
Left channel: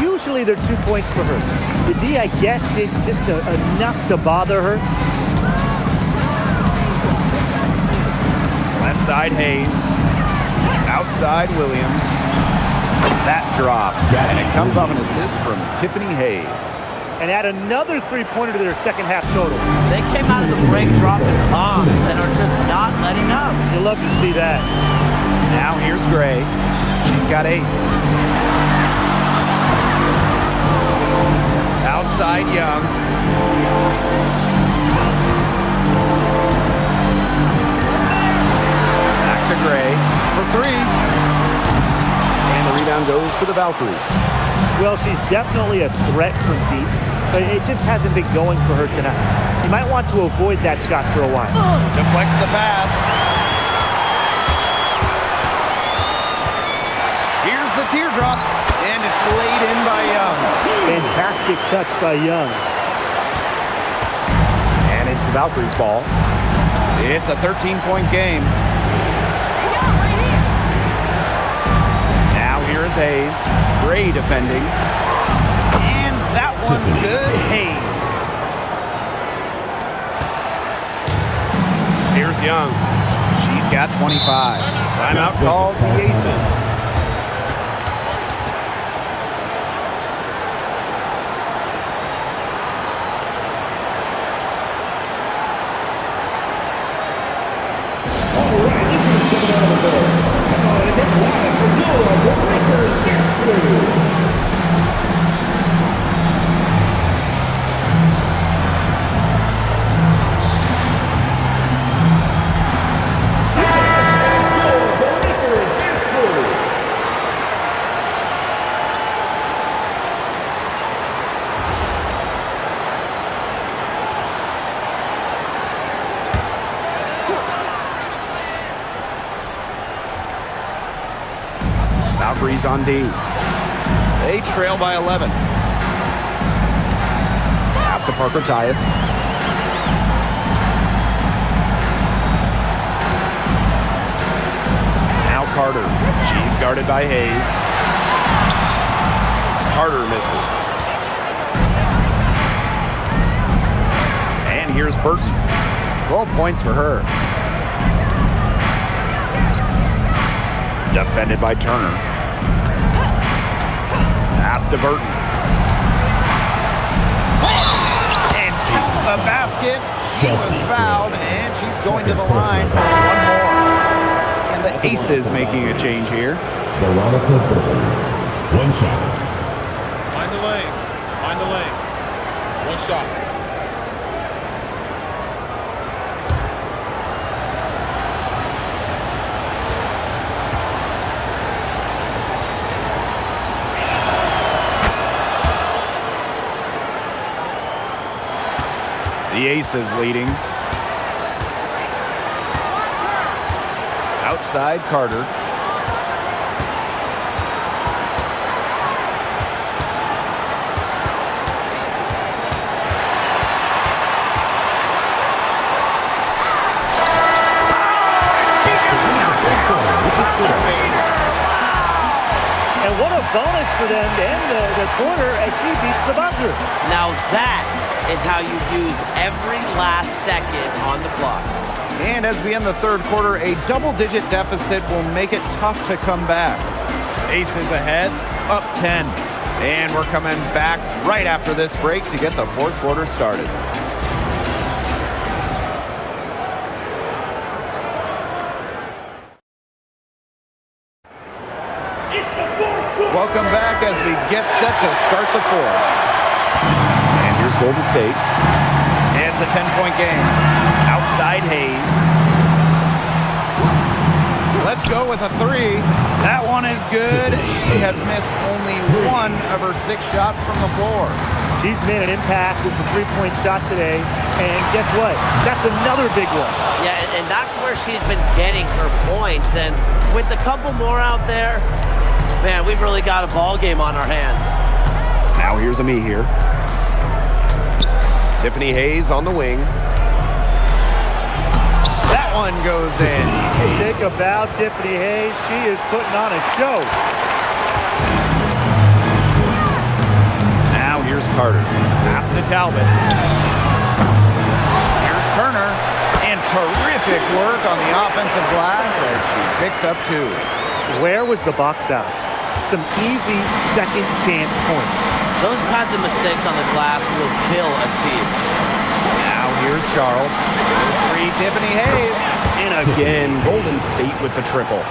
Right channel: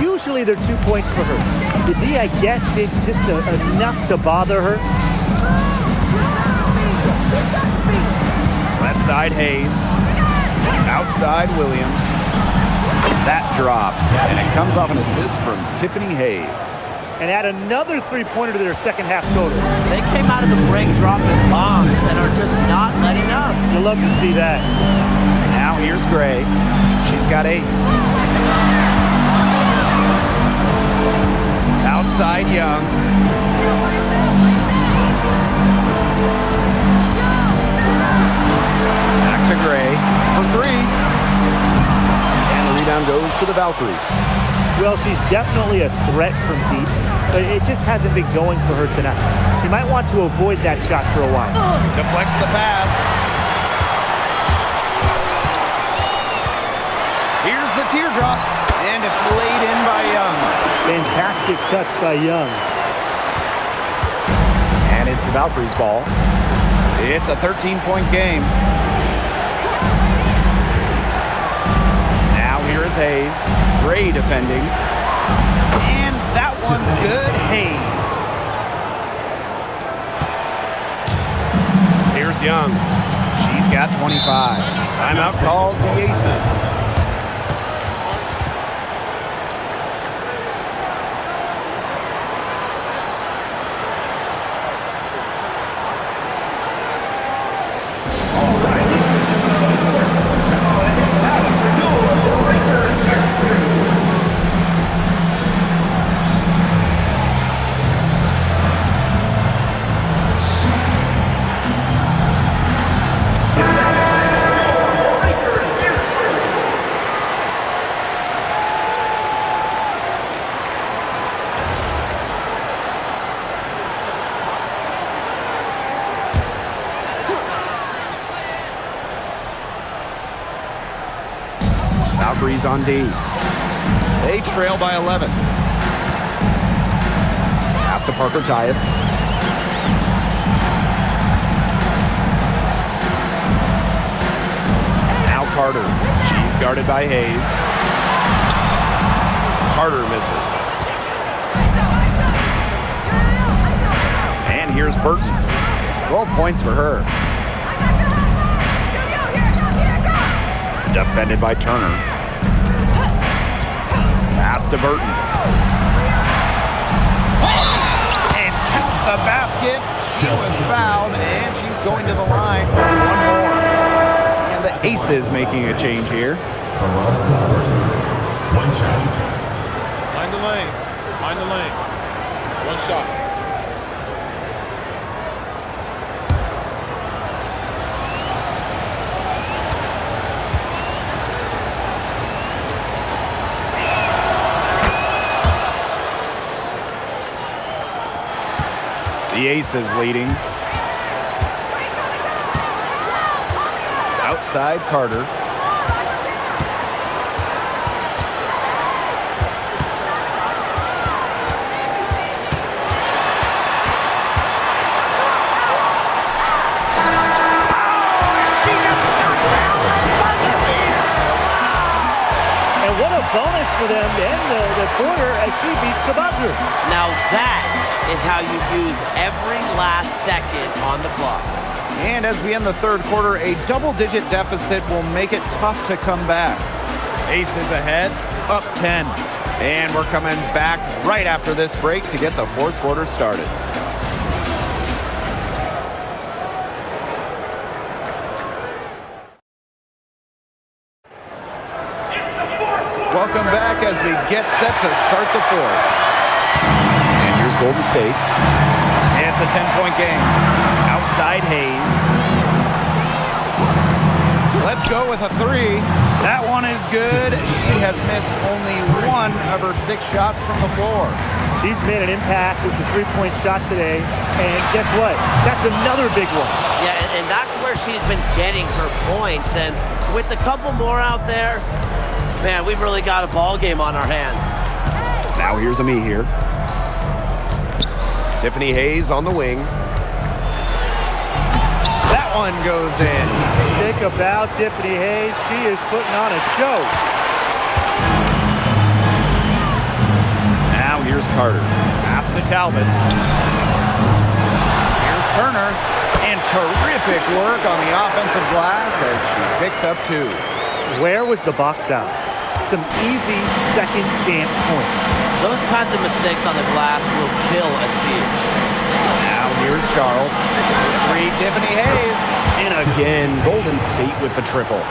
usually they're 2 points for her. The D, I guess, did just enough to bother her. Left Outside Hayes. Outside Williams. That drops, and it comes off an assist from Tiffany Hayes. And add another three-pointer to their second half total. They came out of the break dropping bombs and are just not letting up. You'll love to see that. Now here's Gray. She's got 8. Outside Young. Back to Gray for 3. And the rebound goes to the Valkyries. Well, she's definitely a threat from deep, but it just hasn't been going for her tonight. She might want to avoid that shot for a while. Deflects the pass. Here's the teardrop, and it's laid in by Young. Fantastic touch by Young. And it's the Valkyries' ball. It's a 13-point game. Now here is Hayes. Gray defending. And that one's good. Hayes. Here's Young. She's got 25. Timeout called the Aces. Valkyries on D. They trail by 11. Pass to Parker Tyus. Now Carter. She's guarded by Hayes. Carter misses. And here's Burton. 12 points for her. Defended by Turner. Pass to Burton. And count the basket. She was fouled, and she's going to the line for one more. And the Aces making a change here. Veronica Burton. 1 shot. Mind the lanes. Mind the lanes. 1 shot. The Aces leading. Outside Carter. And what a bonus for them to end the quarter as she beats the buzzer. Now that is how you use every last second on the clock. And as we end the third quarter, a double-digit deficit will make it tough to come back. Aces ahead, up 10. And we're coming back right after this break to get the fourth quarter started. Welcome back as we get set to start the fourth. And here's Golden State. It's a 10-point game. Outside Hayes. Let's go with a 3. That one is good. She has missed only 1 of her 6 shots from the floor. She's made an impact with the three-point shot today. And guess what? That's another big one. Yeah, and that's where she's been getting her points. And with a couple more out there, man, we've really got a ball game on our hands. Now here's Ami here. Tiffany Hayes on the wing. That one goes in. Think about Tiffany Hayes. She is putting on a show. Now here's Carter. Pass to Talbot. Here's Turner. And terrific work on the offensive glass as she picks up 2. Where was the box out? Some easy second chance points. Those kinds of mistakes on the glass will kill a team. Now here's Charles. For 3, Tiffany Hayes. And again, Golden State with the triple.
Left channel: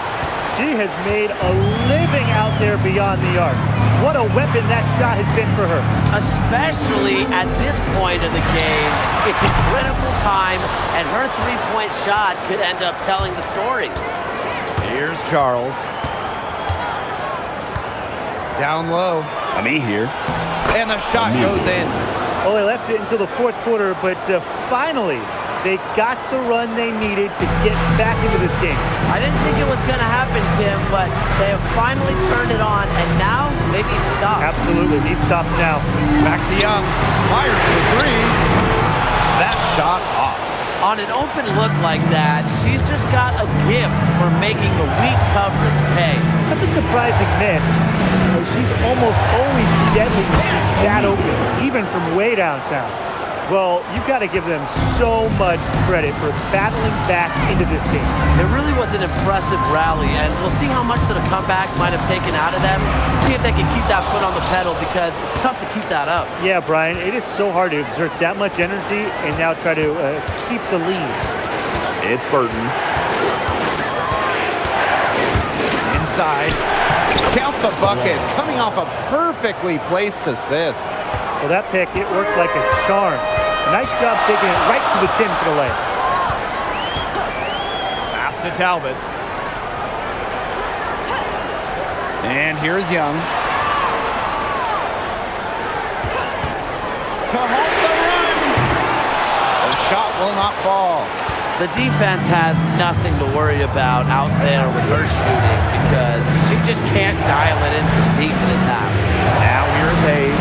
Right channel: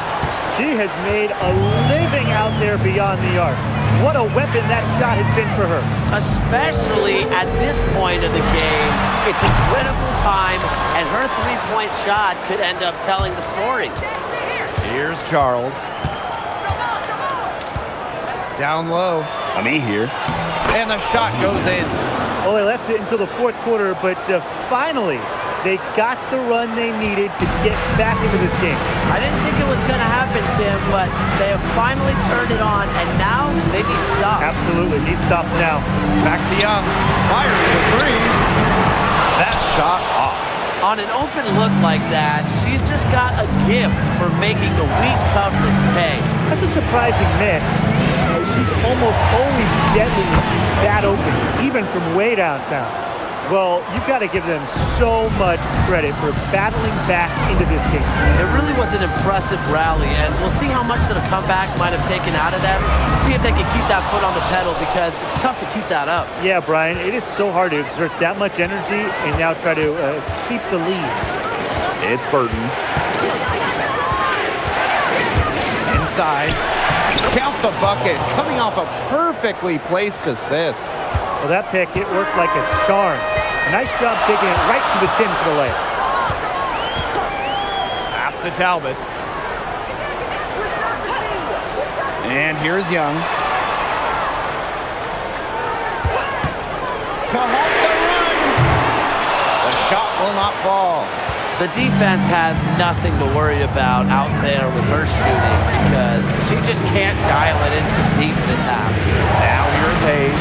She has made a living out there beyond the arc. What a weapon that shot has been for her. Especially at this point of the game. It's a critical time, and her three-point shot could end up telling the story. Here's Charles. Down low. Ami here. And the shot goes in. Well, they left it until the fourth quarter, but finally, they got the run they needed to get back into this game. I didn't think it was going to happen, Tim, but they have finally turned it on, and now they need stops. Absolutely, need stops now. Back to Young. Fires for 3. That shot off. On an open look like that, she's just got a gift for making the weak coverage pay. That's a surprising miss. She's almost always deadly when she's that open, even from way downtown. Well, you've got to give them so much credit for battling back into this game. It really was an impressive rally, and we'll see how much that a comeback might have taken out of them. See if they can keep that foot on the pedal, because it's tough to keep that up. Yeah, Brian, it is so hard to exert that much energy and now try to keep the lead. It's Burton. Inside. Count the bucket, coming off a perfectly placed assist. Well, that pick, it worked like a charm. A nice job taking it right to the tin for the layup. Pass to Talbot. And here's Young. To halt the run. The shot will not fall. The defense has nothing to worry about out there with her shooting because she just can't dial it in from deep this half. Now here's Hayes.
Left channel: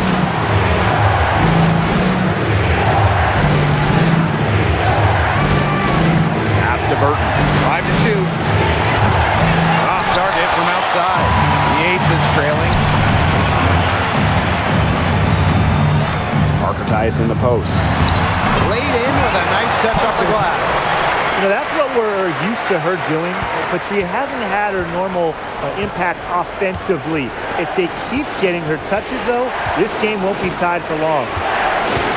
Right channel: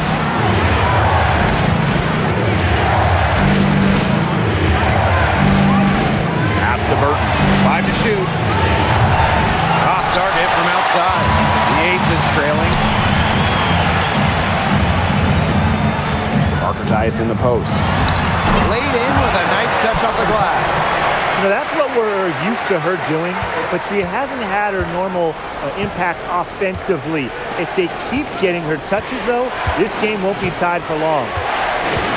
Pass to Burton. 5 to shoot. Off target from outside. The Ace is trailing. Parker Tyus in the post. Laid in with a nice touch off the glass. You know, that's what we're used to her doing, but she hasn't had her normal impact offensively. If they keep getting her touches, though, this game won't be tied for long.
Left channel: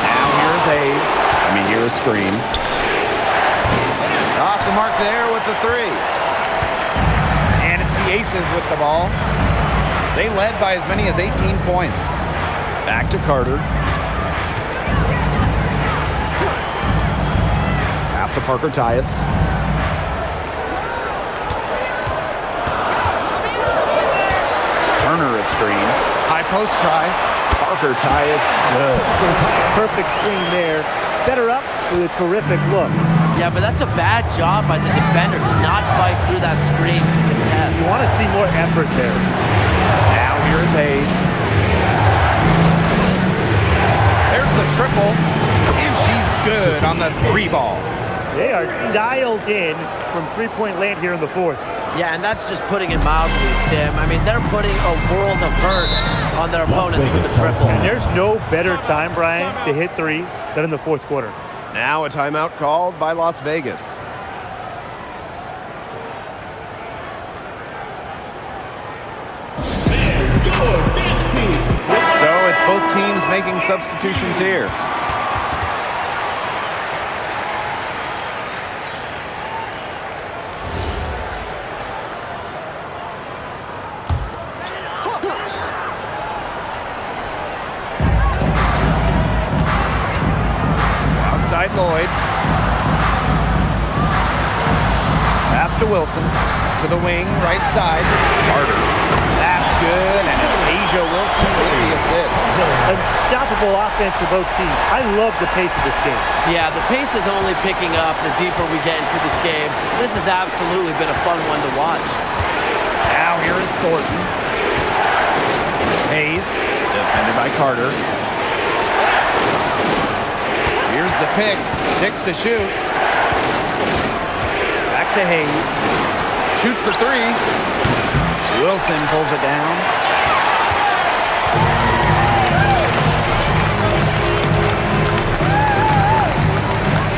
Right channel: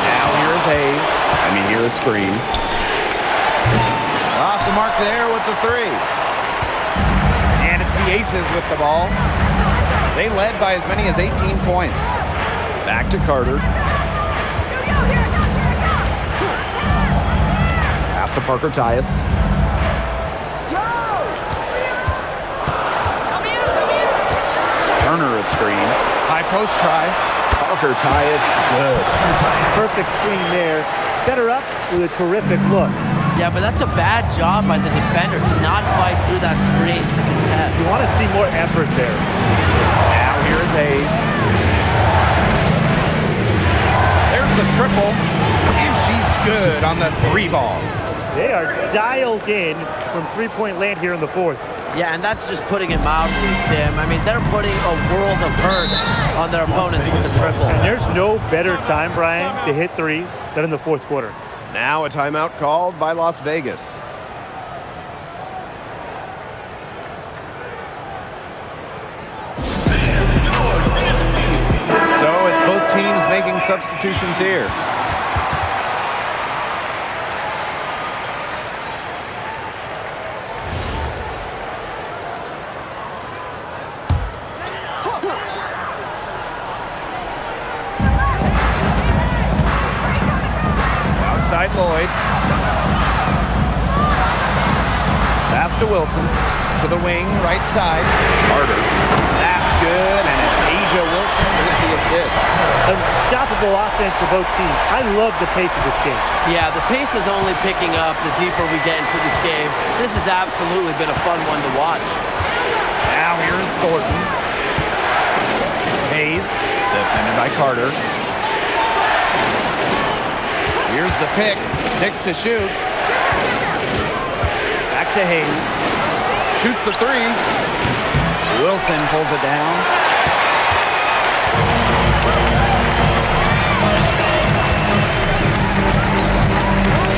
Now here's Hayes. Here is Screen. Off the mark there with the 3. And it's the Aces with the ball. They led by as many as 18 points. Back to Carter. Pass to Parker Tyus. Turner is screen. High post try. Parker Tyus, good. Perfect screen there. Set her up with a terrific look. Yeah, but that's a bad job by the defender to not fight through that screen to contest. You want to see more effort there. Now here's Hayes. There's the triple. And she's good on the 3 ball. They are dialed in from three-point land here in the fourth. Yeah, and that's just putting it mildly, Tim. They're putting a world of hurt on their opponents with the triple. And there's no better time, Brian, to hit threes than in the fourth quarter. Now a timeout called by Las Vegas. So it's both teams making substitutions here. Outside Lloyd. Pass to Wilson. To the wing, right side. Carter. That's good, and it's Asia Wilson with the assist. Unstoppable offense for both teams. I love the pace of this game. Yeah, the pace is only picking up the deeper we get into this game. This has absolutely been a fun one to watch. Now here is Thornton. Hayes, defended by Carter. Here's the pick. 6 to shoot. Back to Hayes. Shoots the 3. Wilson pulls it down.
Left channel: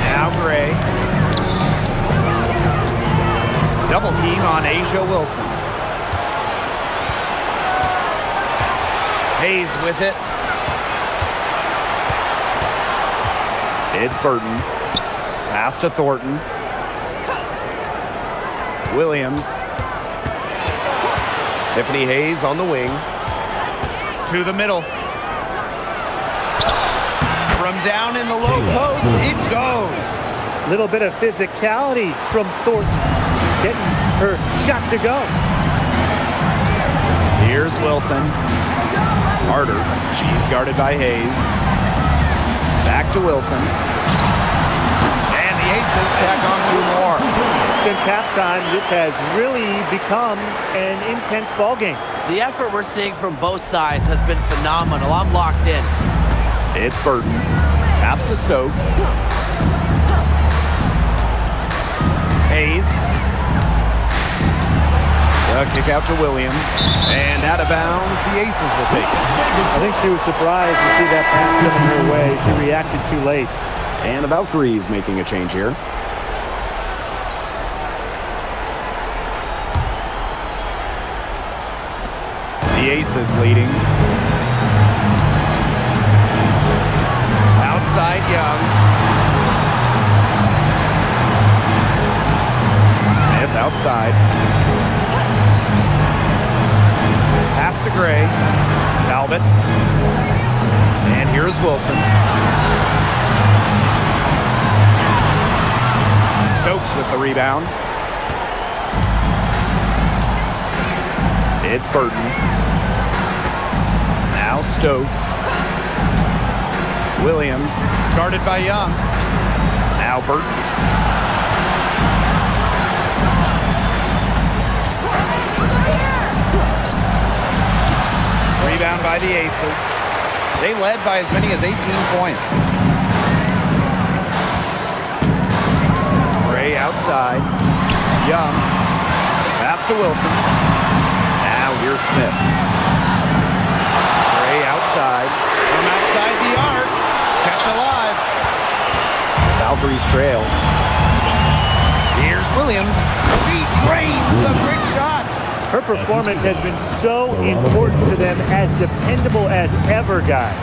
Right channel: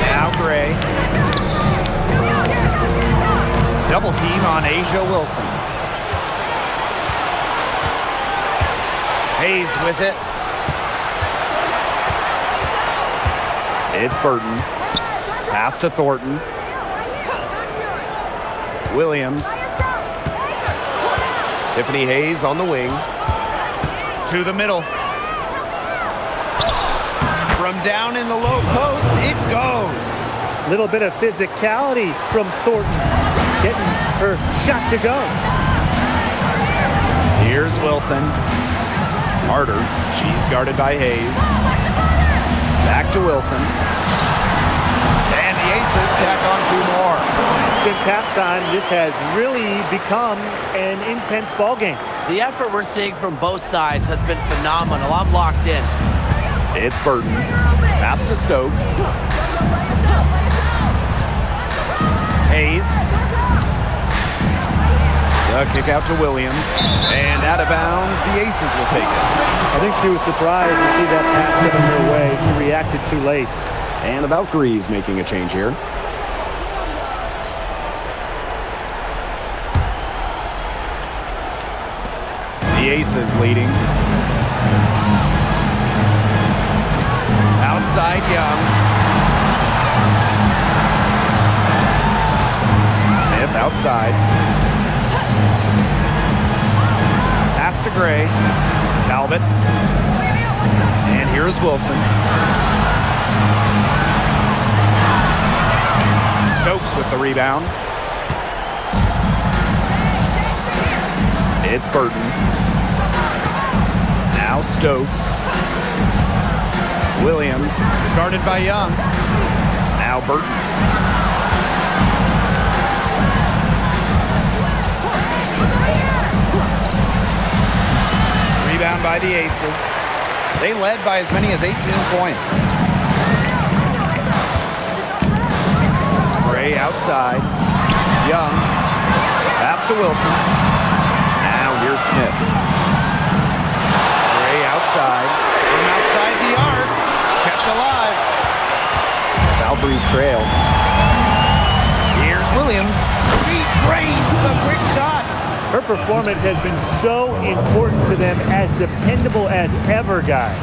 Now Gray. Double team on Asia Wilson. Hayes with it. It's Burton. Pass to Thornton. Williams. Tiffany Hayes on the wing. To the middle. From down in the low post, it goes. Little bit of physicality from Thornton, getting her shot to go. Here's Wilson. Harder. She's guarded by Hayes. Back to Wilson. And the Aces tack on 2 more. Since halftime, this has really become an intense ball game. The effort we're seeing from both sides has been phenomenal. I'm locked in. It's Burton. Pass to Stokes. Hayes. The kick out to Williams. And out of bounds, the Aces will take it. I think she was surprised to see that pass coming her way. She reacted too late. And the Valkyries making a change here. The Aces leading. Outside Young. Smith outside. Pass to Gray. Talbot. And here's Wilson. Stokes with the rebound. It's Burton. Now Stokes. Williams, guarded by Young. Now Burton. Rebound by the Aces. They led by as many as 18 points. Gray outside. Young. Pass to Wilson. Now here's Smith. Gray outside. From outside the arc. Kept alive. The Valkyries trail. Here's Williams. She drains the quick shot. Her performance has been so important to them, as dependable as ever, guys.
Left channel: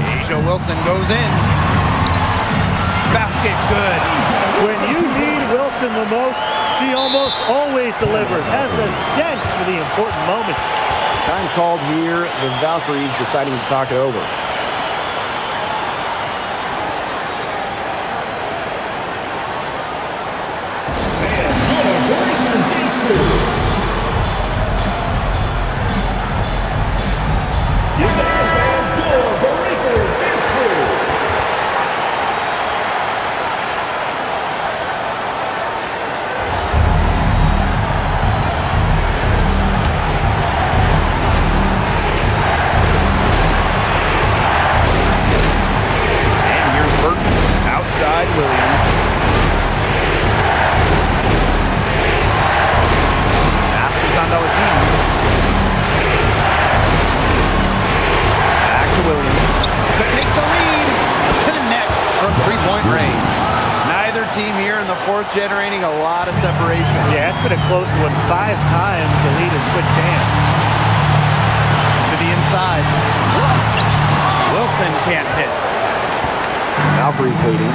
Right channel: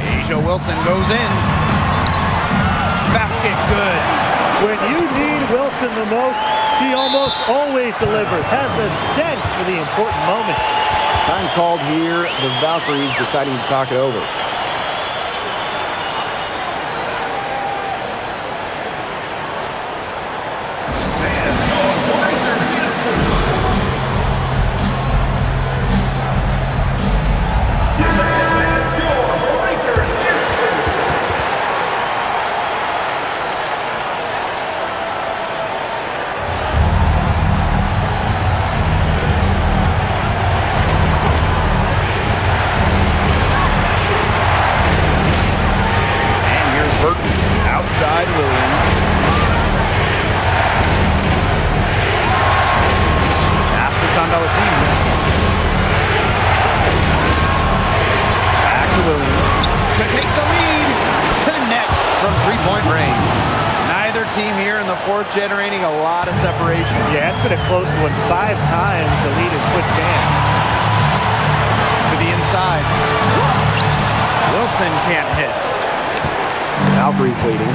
Asia Wilson goes in. Basket good. When you need Wilson the most, she almost always delivers, has a sense for the important moments. Time called here. The Valkyries deciding to talk it over. Outside Williams. Passes on Dallasini. Back to Williams. To take the lead. Connects from 3-point range. Neither team here in the fourth generating a lot of separation. Yeah, it's been a close one. 5 times the lead has switched hands. To the inside. Wilson can't hit. Valkyries leading.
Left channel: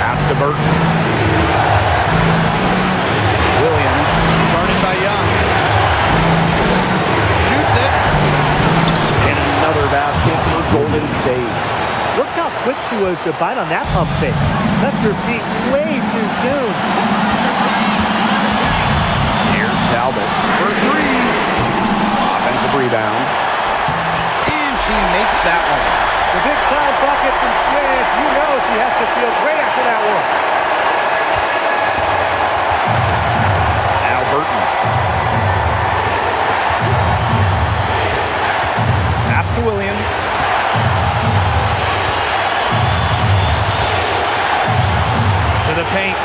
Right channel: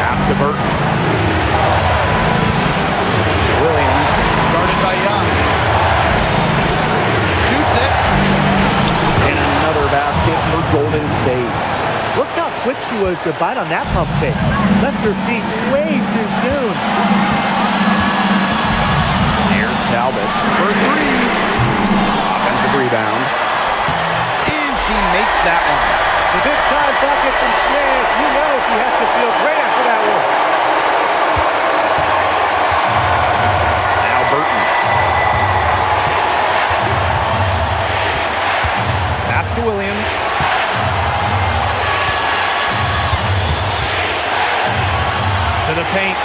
Pass to Burton. Williams, guarded by Young. Shoots it. And another basket for Golden State. Look how quick she was to bite on that pump fake. Left her feet way too soon. Here's Talbot for 3. Offensive rebound. And she makes that one. The big time bucket from Smith. You know she has to feel great after that one. Now Burton. Pass to Williams. To the paint.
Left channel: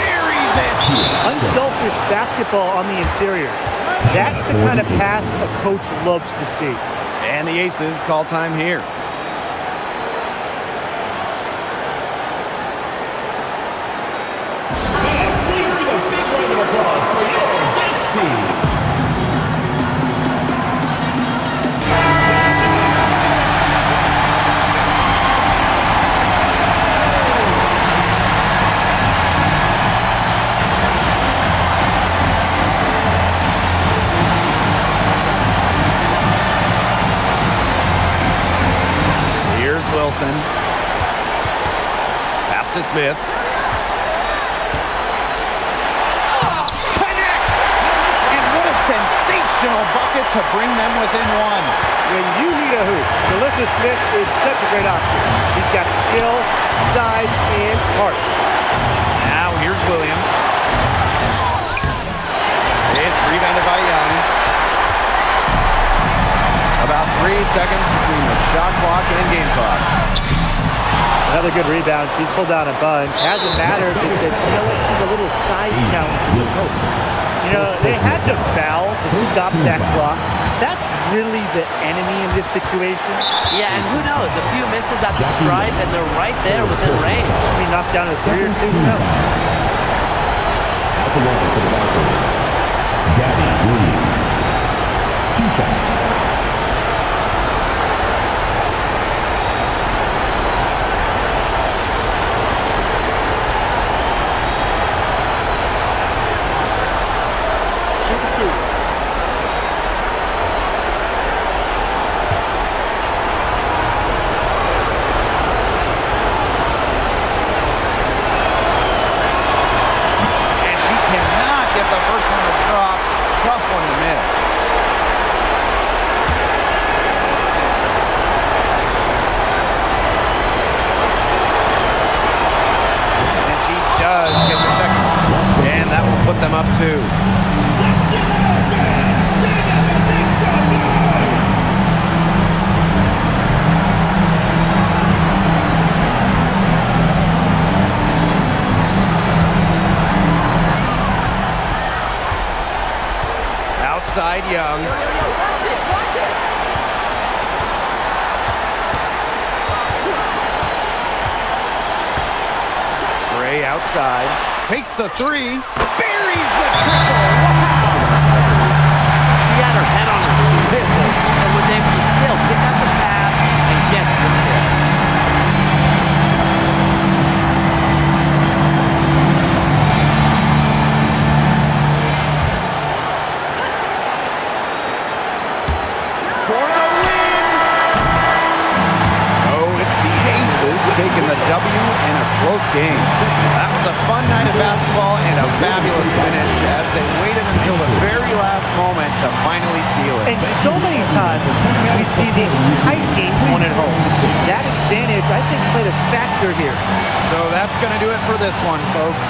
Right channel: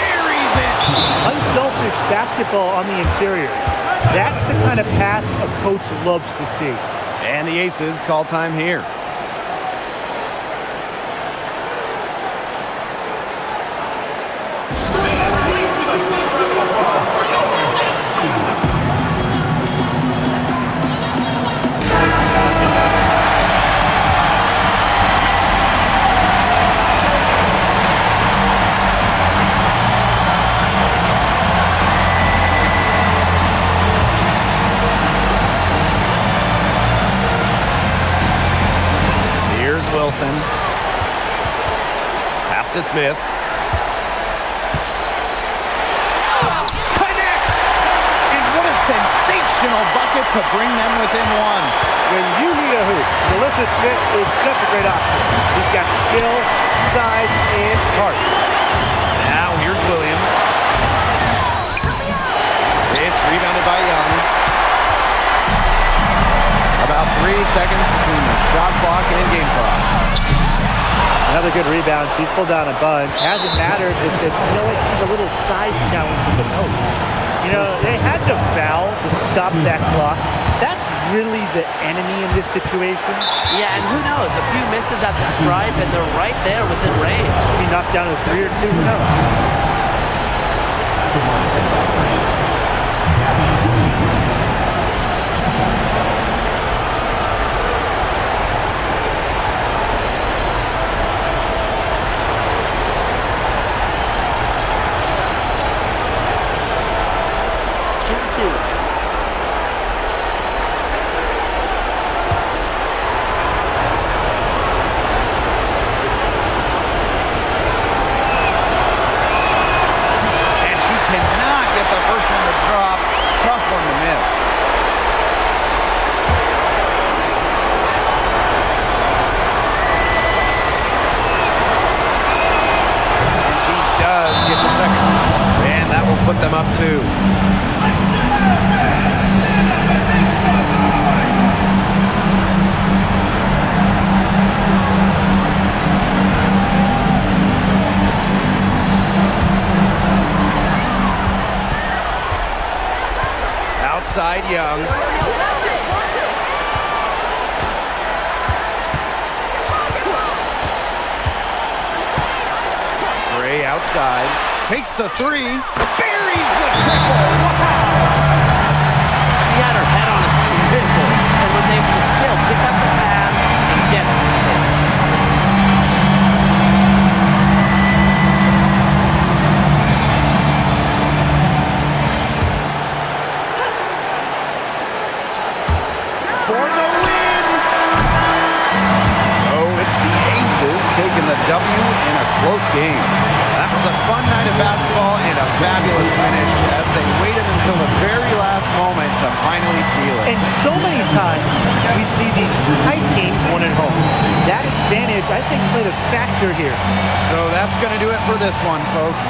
Buries it. Unselfish basketball on the interior. That's the kind of pass a coach loves to see. And the Aces call time here. Wilson. Pass to Smith. Connects! And what a sensational bucket to bring them within one. When you need a hoop, Melissa Smith is such a great option. She's got skill, size, and heart. Now here's Williams. It's rebounded by Young. About 3 seconds between the shot clock and game clock. Another good rebound. She's pulled down a bunch. Hasn't mattered. It's that, you know what? She's a little side challenge to the post. You know, they had to foul to stop that clock. That's really the enemy in this situation. Yeah, and who knows? A few misses at the stripe, and they're right there within range. Be knocked down to 3 or 2. Who knows? At the line for the Valkyries, Gabby Williams. 2 shots. Shooting 2. Cannot get the first one to drop. Tough one to miss. And she does get the second one. And that will put them up 2. Outside Young. Watch this, watch this. Gray outside. Takes the 3. Buries the triple. Wow. She had her head on a swivel and was able to still pick up the pass and get the assist. For the win! So it's the Aces taking the W in a close game. That was a fun night of basketball and a fabulous finish as they waited until the very last moment to finally seal it. And so many times we see these tight games won at home. That advantage, I think, played a factor here. So that's going to do it for this one, folks.